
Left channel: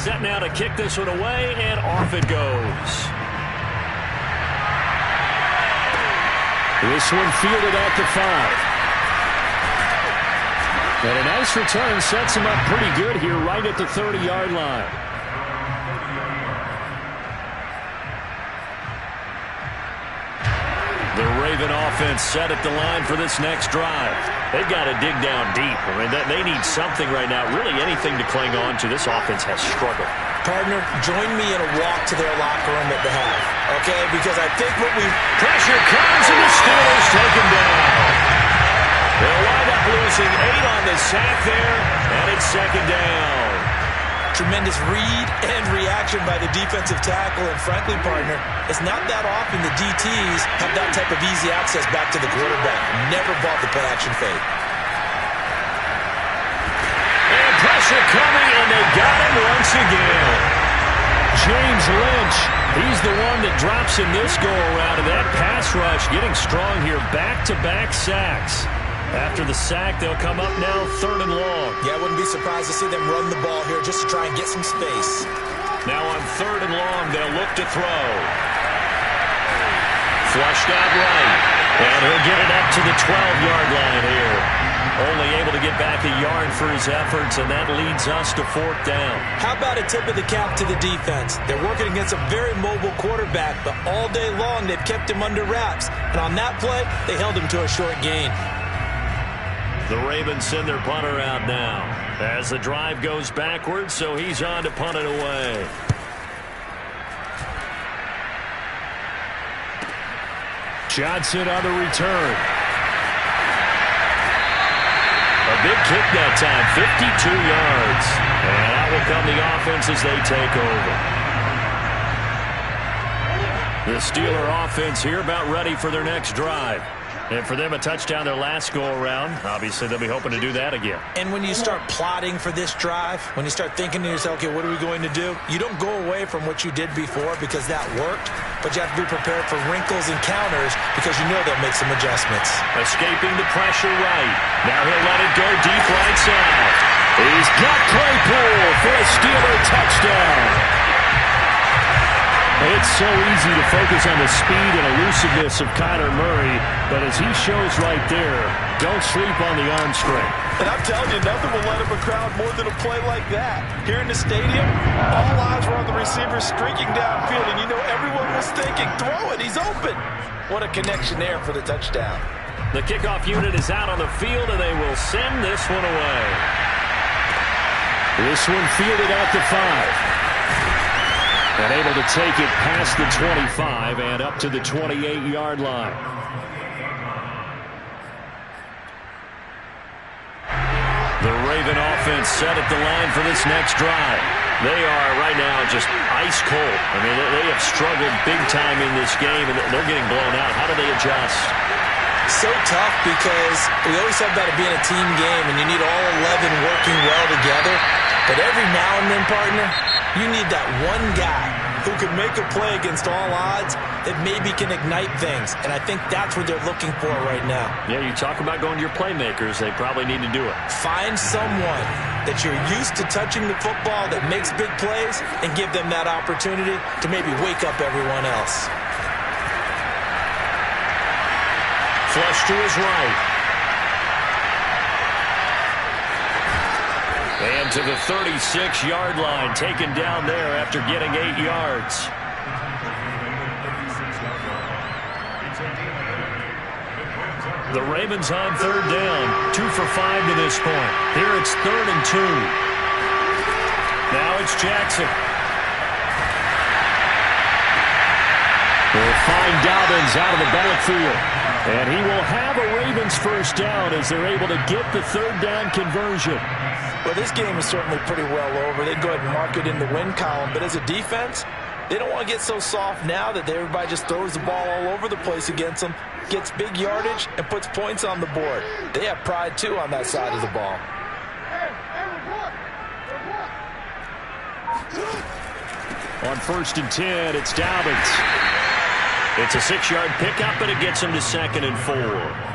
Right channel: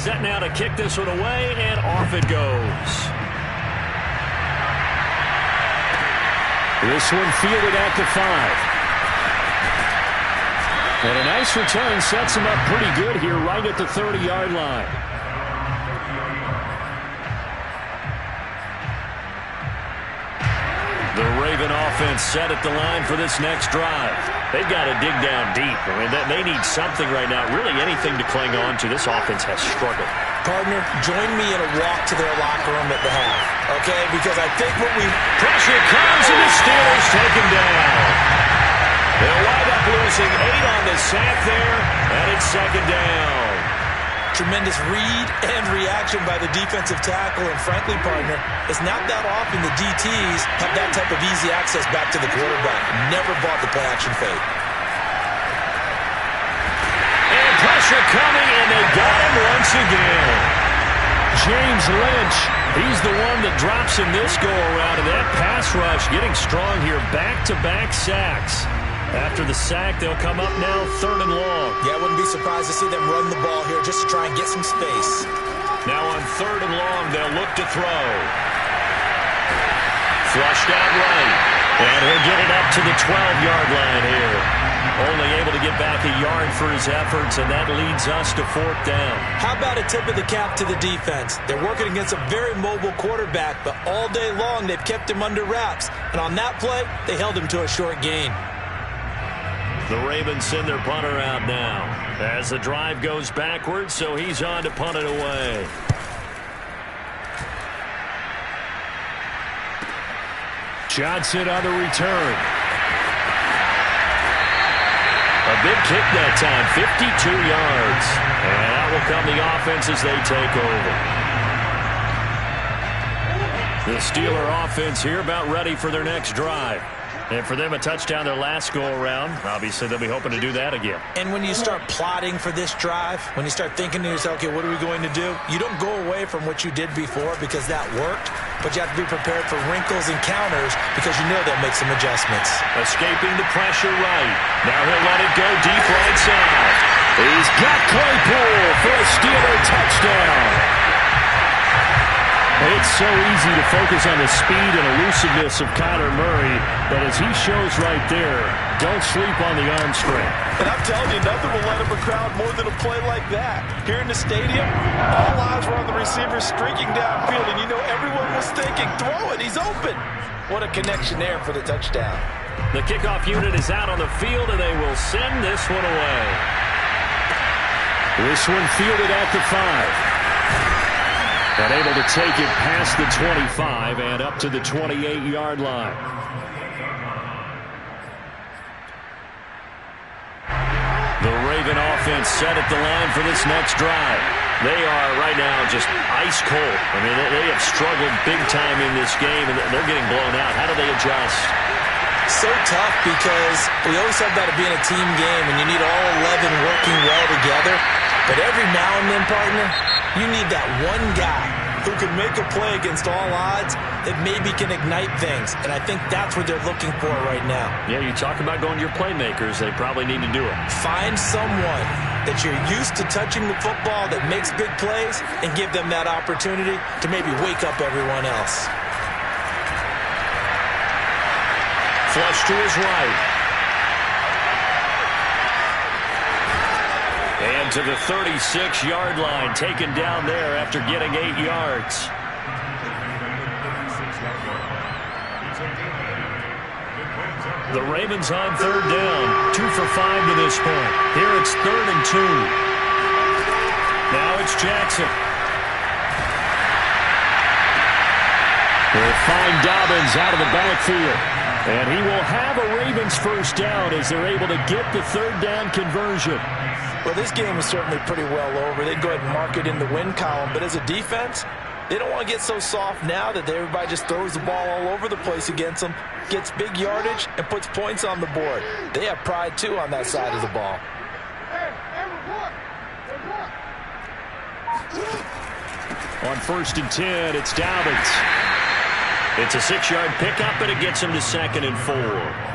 Set now to kick this one away, and off it goes. This one fielded at the 5. And a nice return sets him up pretty good here right at the 30-yard line. The Raven offense set at the line for this next drive. They've got to dig down deep. I mean, they need something right now, really anything to cling on to. This offense has struggled. Partner, join me in a walk to their locker room at the half, okay? Because I think what we... Pressure comes, and the Steelers take him down. They'll wind up losing 8 on the sack there, and it's second down. Tremendous read and reaction by the defensive tackle, and frankly, partner, it's not that often the DTs have that type of easy access back to the quarterback. Never bought the play-action fake. And pressure coming, and they got him once again. James Lynch, he's the one that drops in this go-around, and that pass rush getting strong here. Back-to-back sacks. After the sack, they'll come up now 3rd and long. Yeah, I wouldn't be surprised to see them run the ball here just to try and get some space. Now on 3rd and long, they'll look to throw. Flushed out right. And he'll get it up to the 12-yard line here. Only able to get back a yard for his efforts, and that leads us to 4th down. How about a tip of the cap to the defense? They're working against a very mobile quarterback, but all day long they've kept him under wraps. And on that play, they held him to a short gain. The Ravens send their punter out now as the drive goes backwards, so he's on to punt it away. Johnson on the return. A big kick that time, 52 yards. And out will come the offense as they take over. The Steeler offense here about ready for their next drive. And for them, a touchdown their last go-around. Obviously, they'll be hoping to do that again. And when you start plotting for this drive, when you start thinking to yourself, okay, what are we going to do? You don't go away from what you did before because that worked, but you have to be prepared for wrinkles and counters because you know they'll make some adjustments. Escaping the pressure right. Now he'll let it go deep right side. He's got Claypool for a Steeler touchdown. It's so easy to focus on the speed and elusiveness of Kyler Murray, but as he shows right there, don't sleep on the arm strength. And I'm telling you, nothing will let up a crowd more than a play like that. Here in the stadium, all eyes were on the receiver streaking downfield, and you know everyone was thinking, throw it, he's open. What a connection there for the touchdown. The kickoff unit is out on the field, and they will send this one away. This one fielded at the 5. And able to take it past the 25 and up to the 28-yard line. The Raven offense set at the line for this next drive. They are right now just ice cold. I mean, they have struggled big time in this game, and they're getting blown out. How do they adjust? So tough because we always talk about it being a team game, and you need all 11 working well together. But every now and then, partner, you need that one guy who can make a play against all odds that maybe can ignite things. And I think that's what they're looking for right now. Yeah, you talk about going to your playmakers. They probably need to do it. Find someone that you're used to touching the football that makes big plays and give them that opportunity to maybe wake up everyone else. Flush to his right. And to the 36-yard line, taken down there after getting 8 yards. The Ravens on 3rd down, 2 for 5 to this point. Here it's 3rd and 2. Now it's Jackson. They'll find Dobbins out of the backfield. And he will have a Ravens first down as they're able to get the 3rd down conversion. Well, this game is certainly pretty well over. They go ahead and mark it in the win column. But as a defense, they don't want to get so soft now that everybody just throws the ball all over the place against them, gets big yardage, and puts points on the board. They have pride, too, on that side of the ball. On 1st and 10, it's Dobbins. It's a 6-yard pickup, but it gets him to 2nd and 4.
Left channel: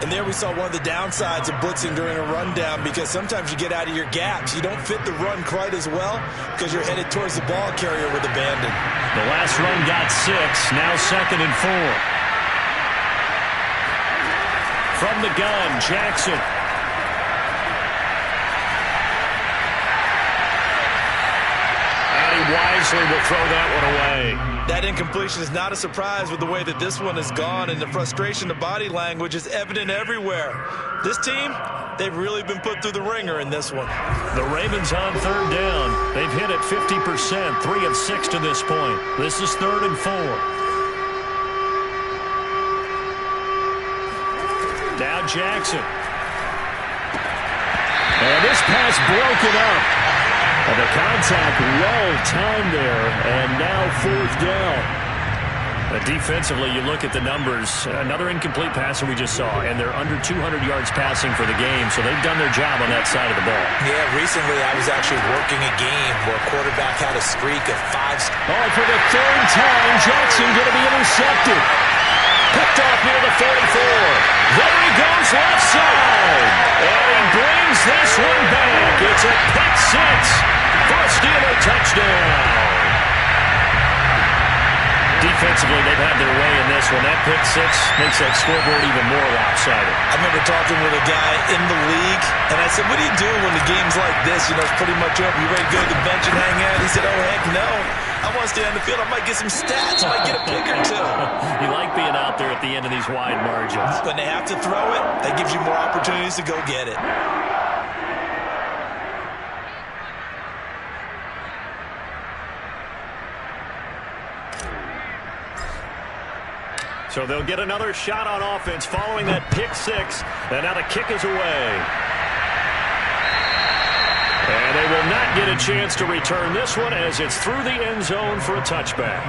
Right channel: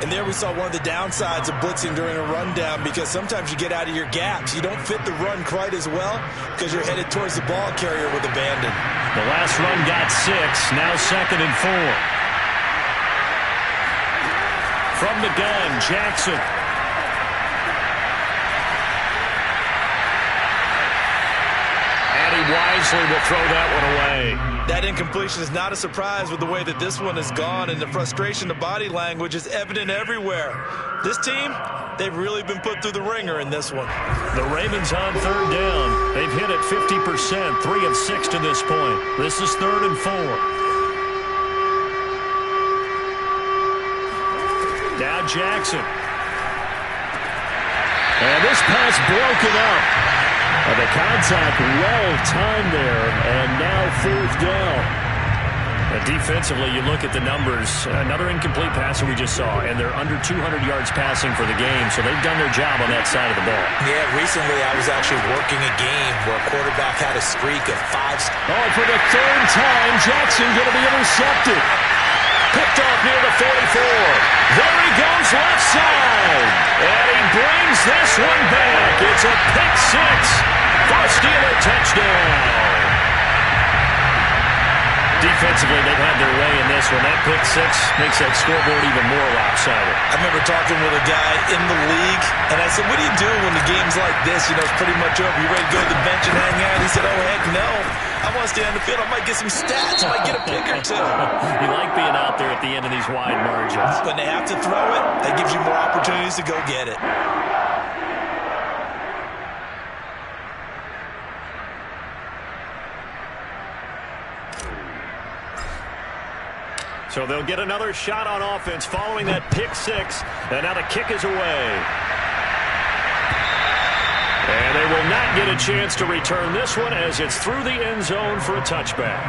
And there we saw one of the downsides of blitzing during a rundown, because sometimes you get out of your gaps. You don't fit the run quite as well because you're headed towards the ball carrier with abandon. The last run got 6, now 2nd and 4. From the gun, Jackson. Wisely will throw that one away. That incompletion is not a surprise with the way that this one has gone, and the frustration, the body language is evident everywhere. This team, they've really been put through the ringer in this one. The Ravens on 3rd down. They've hit it 50%, 3 of 6 to this point. This is 3rd and 4. Now Jackson. And this pass broken up. And the contact well-timed there, and now 4th down. Defensively, you look at the numbers. Another incomplete passer we just saw, and they're under 200 yards passing for the game, so they've done their job on that side of the ball. Yeah, recently I was actually working a game where a quarterback had a streak of 5. Oh, and for the 3rd time, Jackson going to be intercepted. Picked off near the 44. There he goes left side. And he brings this one back. It's a pick 6 for a Steeler touchdown. Defensively, they've had their way in this one. That pick 6 makes that scoreboard even more lopsided. I remember talking with a guy in the league, and I said, what do you do when the game's like this? You know, it's pretty much over. You ready to go to the bench and hang out? He said, oh, heck no. I want to stay on the field. I might get some stats. I might get a pick or 2. You like being out there at the end of these wide margins. When they have to throw it, that gives you more opportunities to go get it. So they'll get another shot on offense following that pick 6. And now the kick is away. And they will not get a chance to return this one as it's through the end zone for a touchback.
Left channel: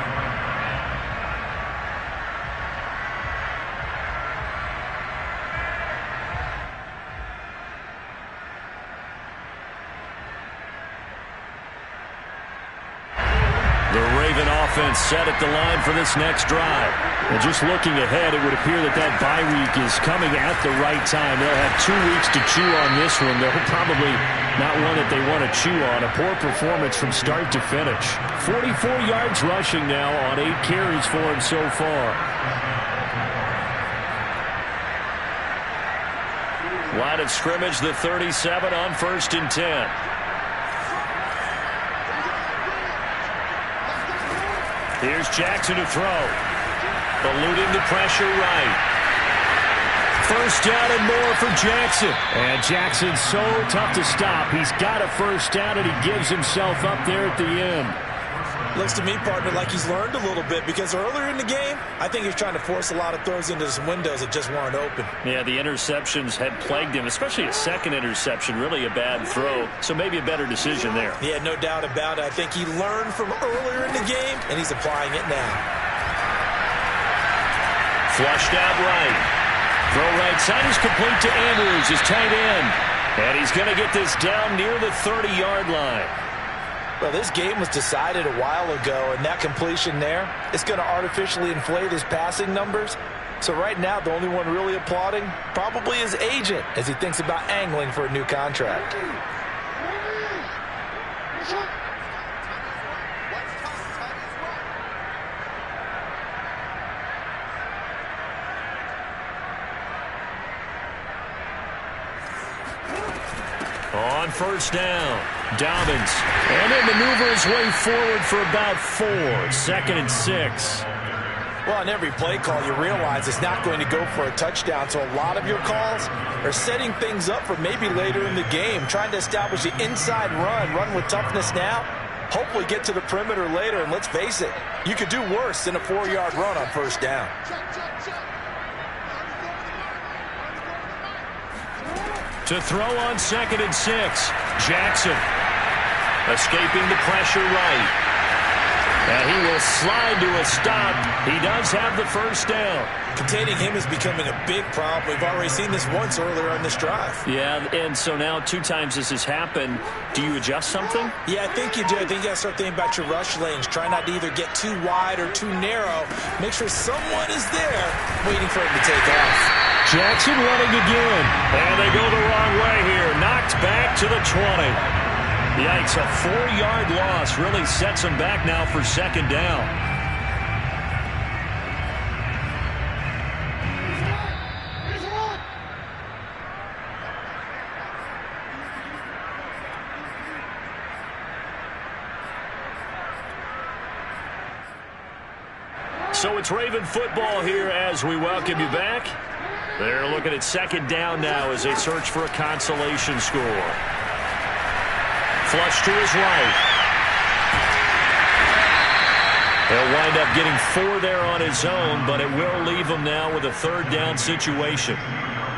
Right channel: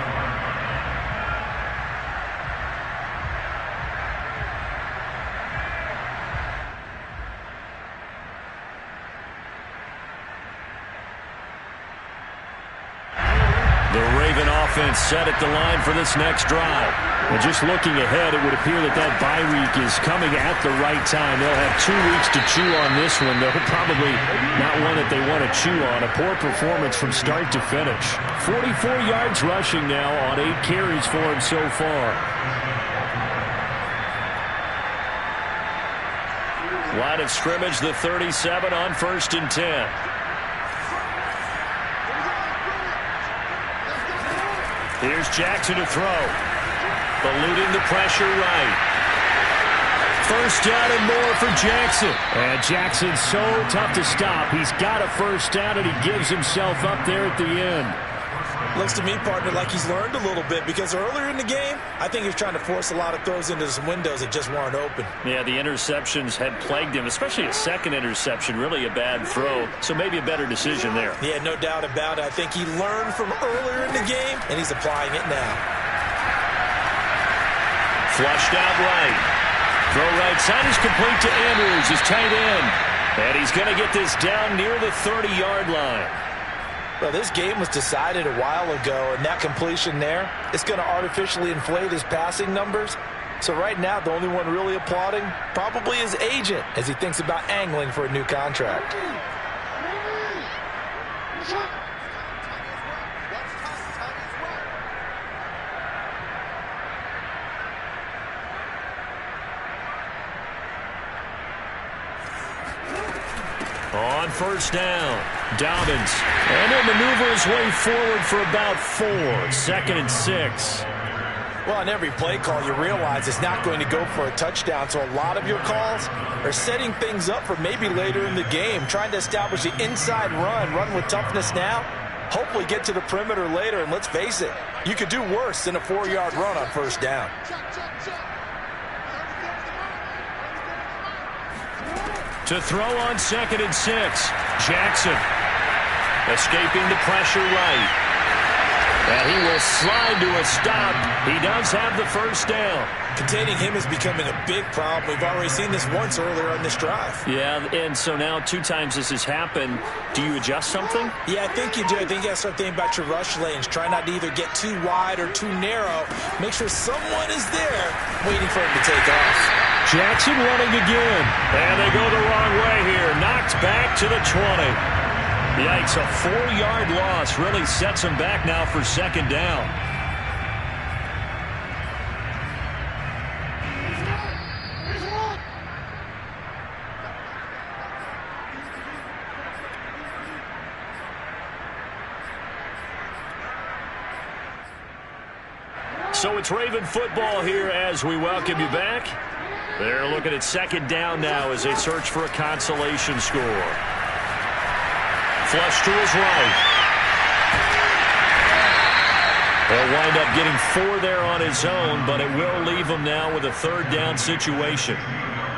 The Raven offense set at the line for this next drive. And just looking ahead, it would appear that that bye week is coming at the right time. They'll have 2 weeks to chew on this one. They're probably not one that they want to chew on. A poor performance from start to finish. 44 yards rushing now on 8 carries for him so far. Line of scrimmage, the 37 on 1st and 10. Here's Jackson to throw. Eluding the pressure right. 1st down and more for Jackson. And Jackson's so tough to stop. He's got a 1st down, and he gives himself up there at the end. Looks to me, partner, like he's learned a little bit, because earlier in the game, I think he was trying to force a lot of throws into some windows that just weren't open. Yeah, the interceptions had plagued him, especially a second interception, really a bad throw. So maybe a better decision there. Yeah, no doubt about it. I think he learned from earlier in the game, and he's applying it now. Flushed out right. Throw right side is complete to Andrews, his tight end. And he's going to get this down near the 30-yard line. Well, this game was decided a while ago, and that completion there, it's going to artificially inflate his passing numbers. So right now, the only one really applauding probably his agent as he thinks about angling for a new contract. On 1st down, Dobbins. And he'll maneuver his way forward for about 4. 2nd and 6. Well, on every play call, you realize it's not going to go for a touchdown. So a lot of your calls are setting things up for maybe later in the game, trying to establish the inside run with toughness now, hopefully get to the perimeter later. And let's face it, you could do worse than a 4-yard run on 1st down. To throw on 2nd and 6. Jackson escaping the pressure right. And he will slide to a stop. He does have the first down. Containing him is becoming a big problem. We've already seen this once earlier on this drive. Yeah, and so now 2 times this has happened. Do you adjust something? Yeah, I think you do. I think you got to start thinking about your rush lanes. Try not to either get too wide or too narrow. Make sure someone is there waiting for him to take off. Jackson running again. And they go the wrong way here. Knocked back to the 20. Yikes, a 4-yard loss really sets him back now for second down. So it's Raven football here as we welcome you back. They're looking at second down now as they search for a consolation score. Flush to his right. He'll wind up getting 4 there on his own, but it will leave him now with a third down situation.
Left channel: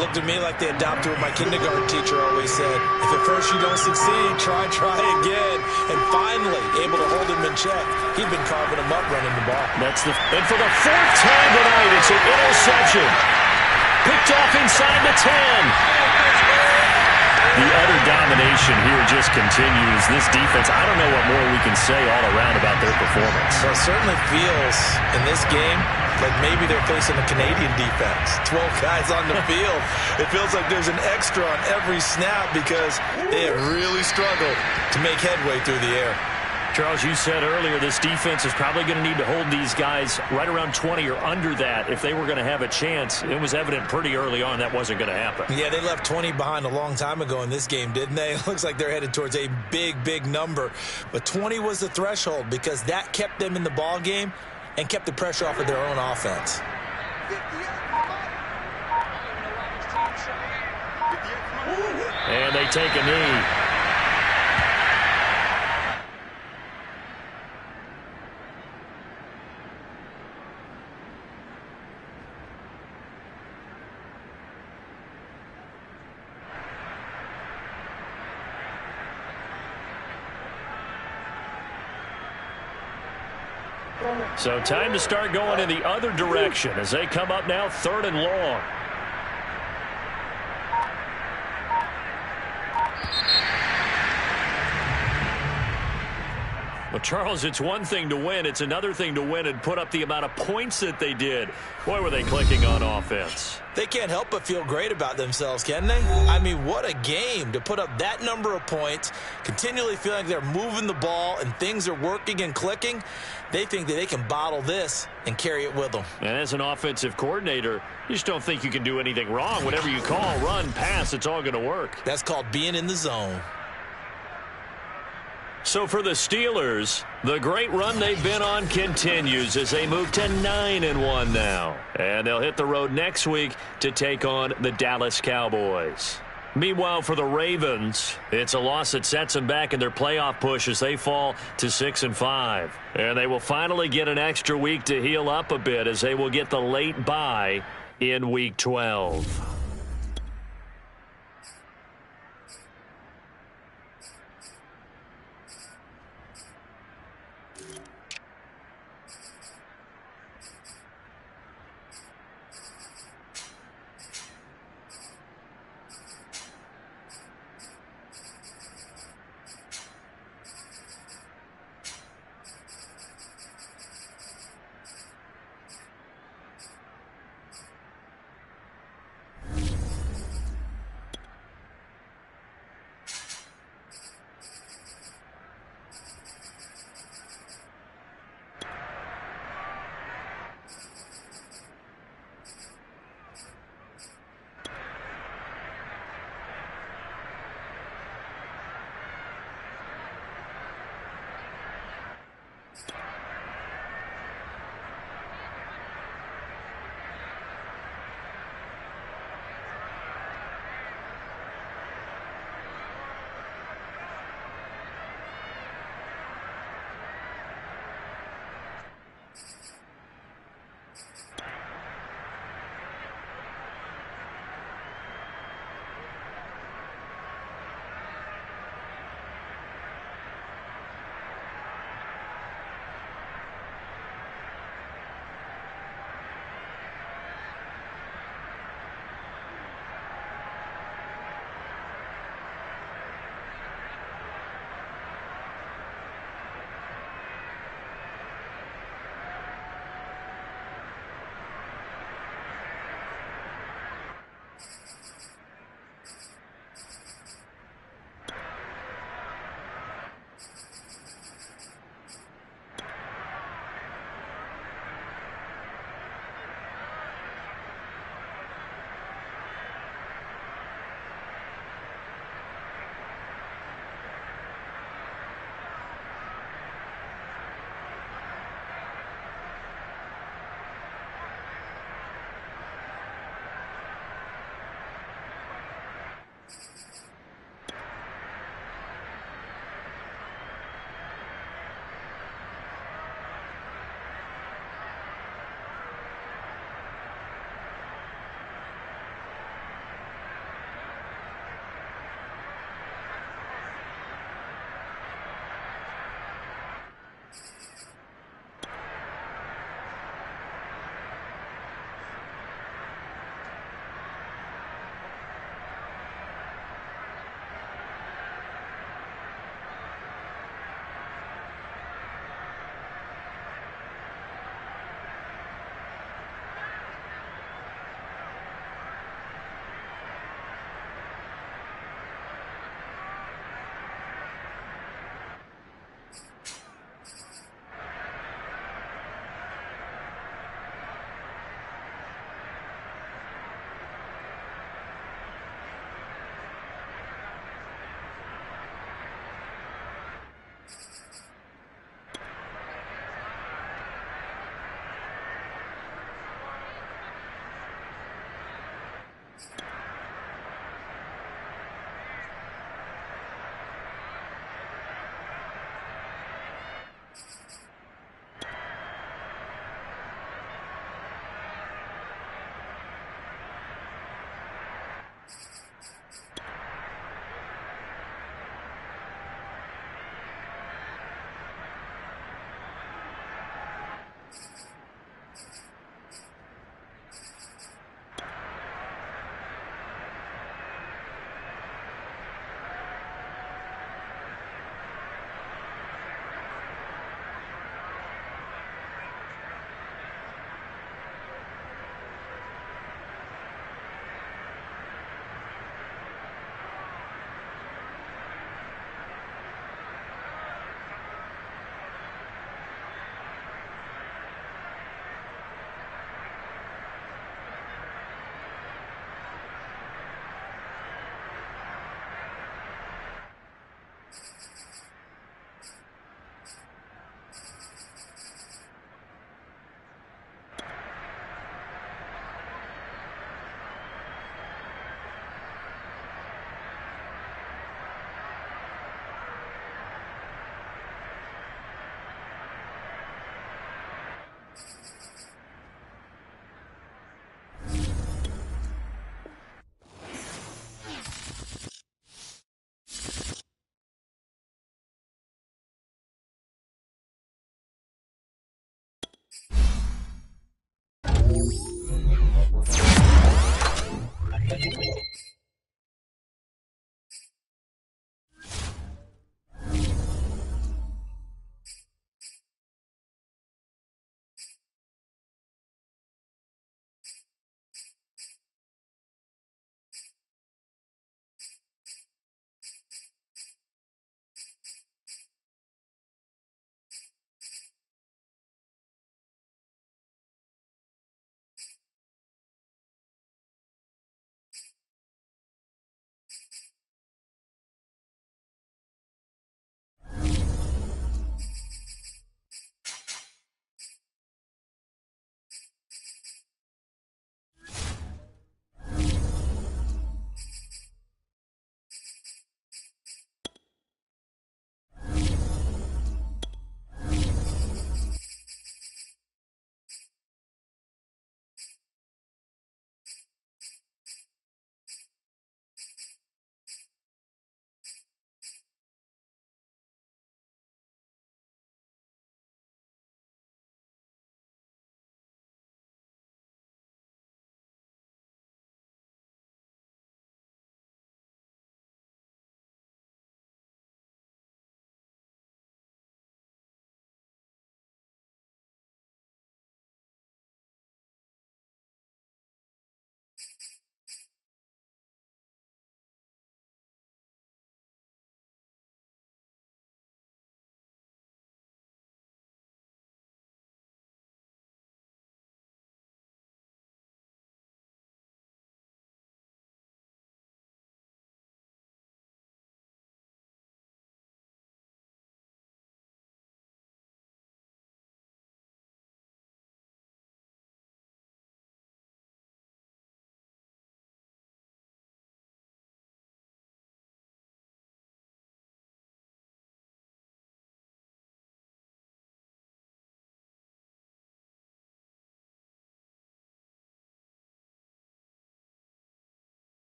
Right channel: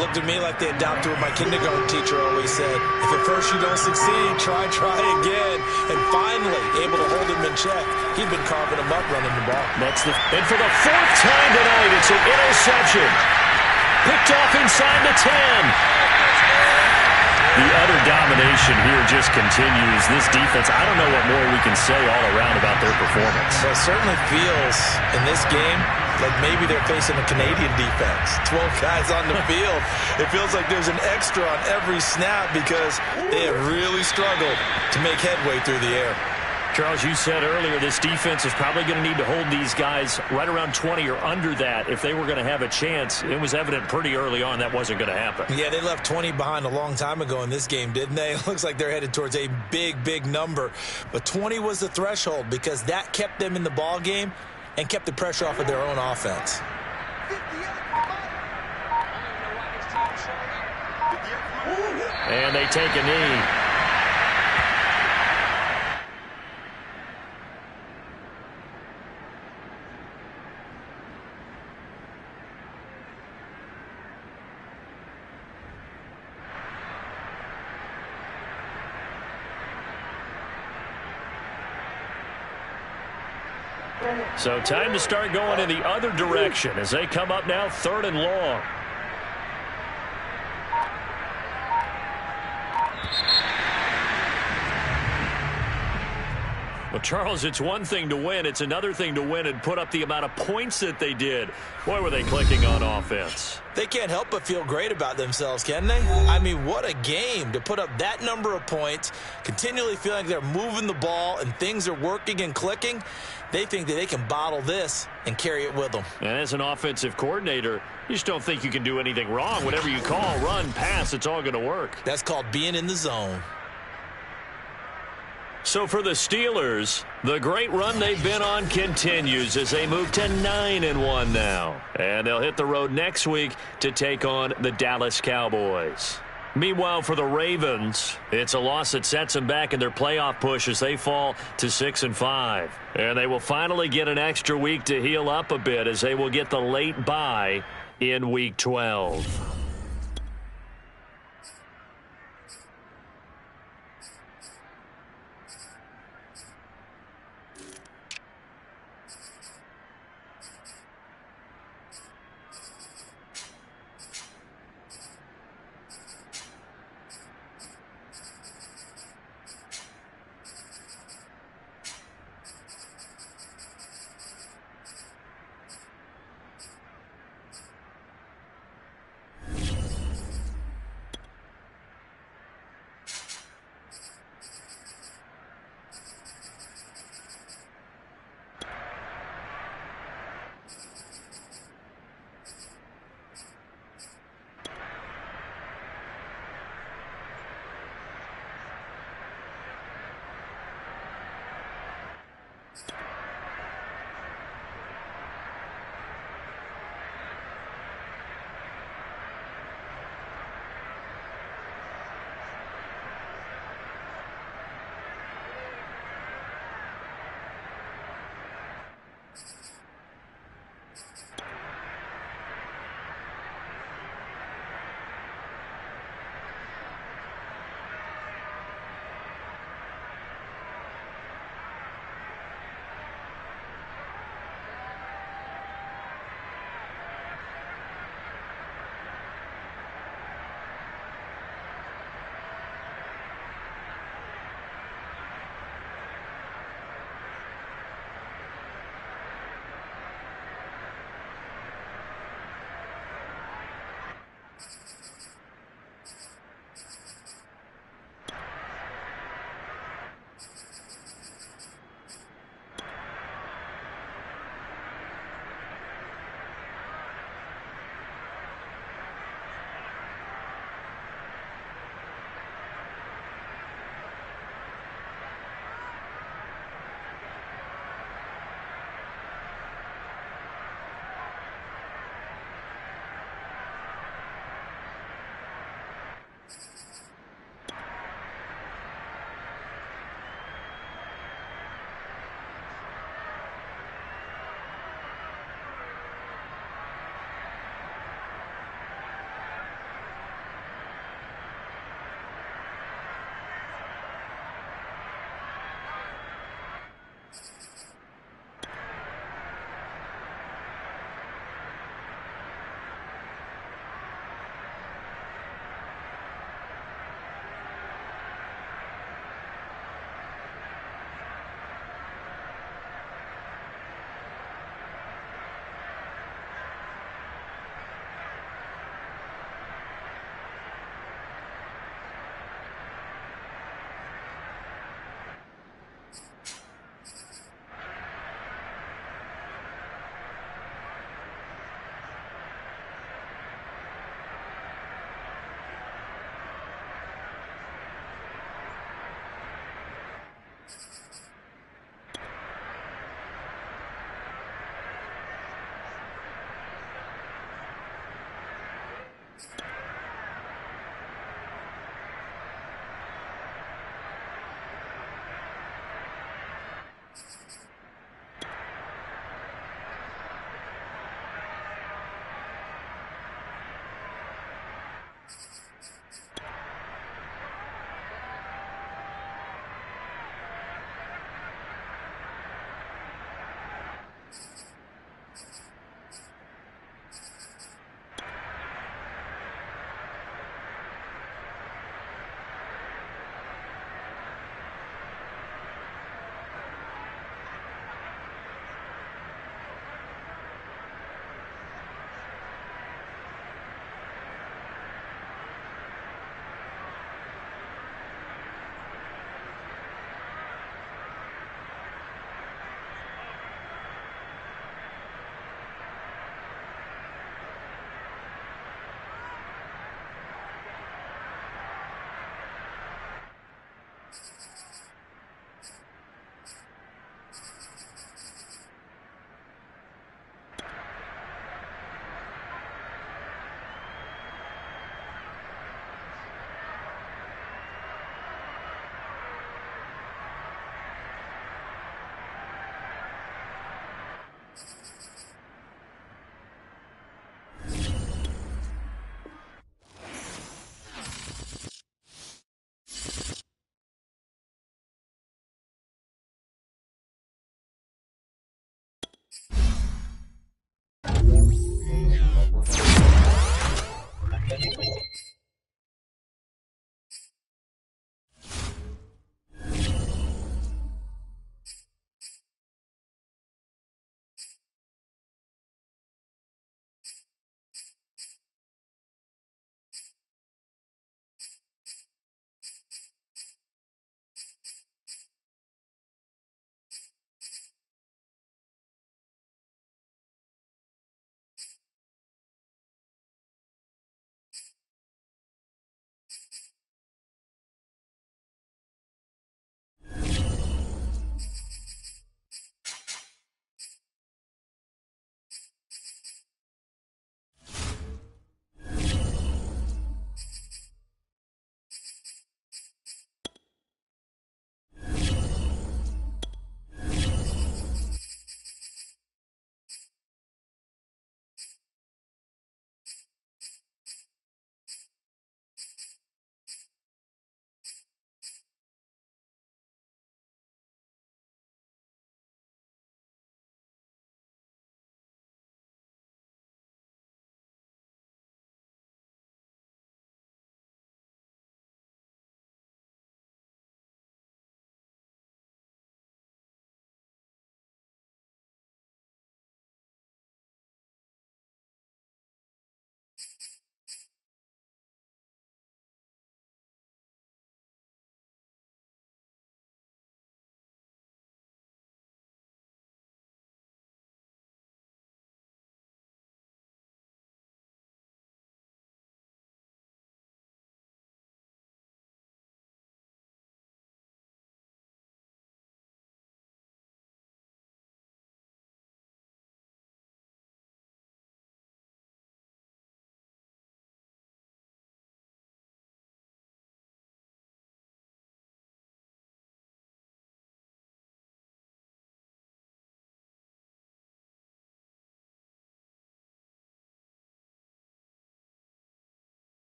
Looked to me like they adopted what my kindergarten teacher always said. If at first you don't succeed, try again. And finally, able to hold him in check. He'd been carving him up running the ball. And for the 4th time tonight, it's an interception. Picked off inside the 10. The utter domination here just continues. This defense, I don't know what more we can say all around about their performance. Well, it certainly feels in this game like maybe they're facing a Canadian defense. 12 guys on the field. It feels like there's an extra on every snap because they have really struggled to make headway through the air. Charles, you said earlier this defense is probably going to need to hold these guys right around 20 or under that if they were going to have a chance. It was evident pretty early on that wasn't going to happen. Yeah, they left 20 behind a long time ago in this game, didn't they? It looks like they're headed towards a big number. But 20 was the threshold because that kept them in the ball game and kept the pressure off of their own offense. And they take a knee. So time to start going in the other direction as they come up now 3rd and long. Well, Charles, it's one thing to win. It's another thing to win and put up the amount of points that they did. Boy, were they clicking on offense. They can't help but feel great about themselves, can they? I mean, what a game to put up that number of points, continually feeling like they're moving the ball and things are working and clicking. They think that they can bottle this and carry it with them. And as an offensive coordinator, you just don't think you can do anything wrong. Whatever you call, run, pass, it's all going to work. That's called being in the zone. So for the Steelers, the great run they've been on continues as they move to 9-1 now. And they'll hit the road next week to take on the Dallas Cowboys. Meanwhile, for the Ravens, it's a loss that sets them back in their playoff push as they fall to 6-5. And they will finally get an extra week to heal up a bit as they will get the late bye in Week 12.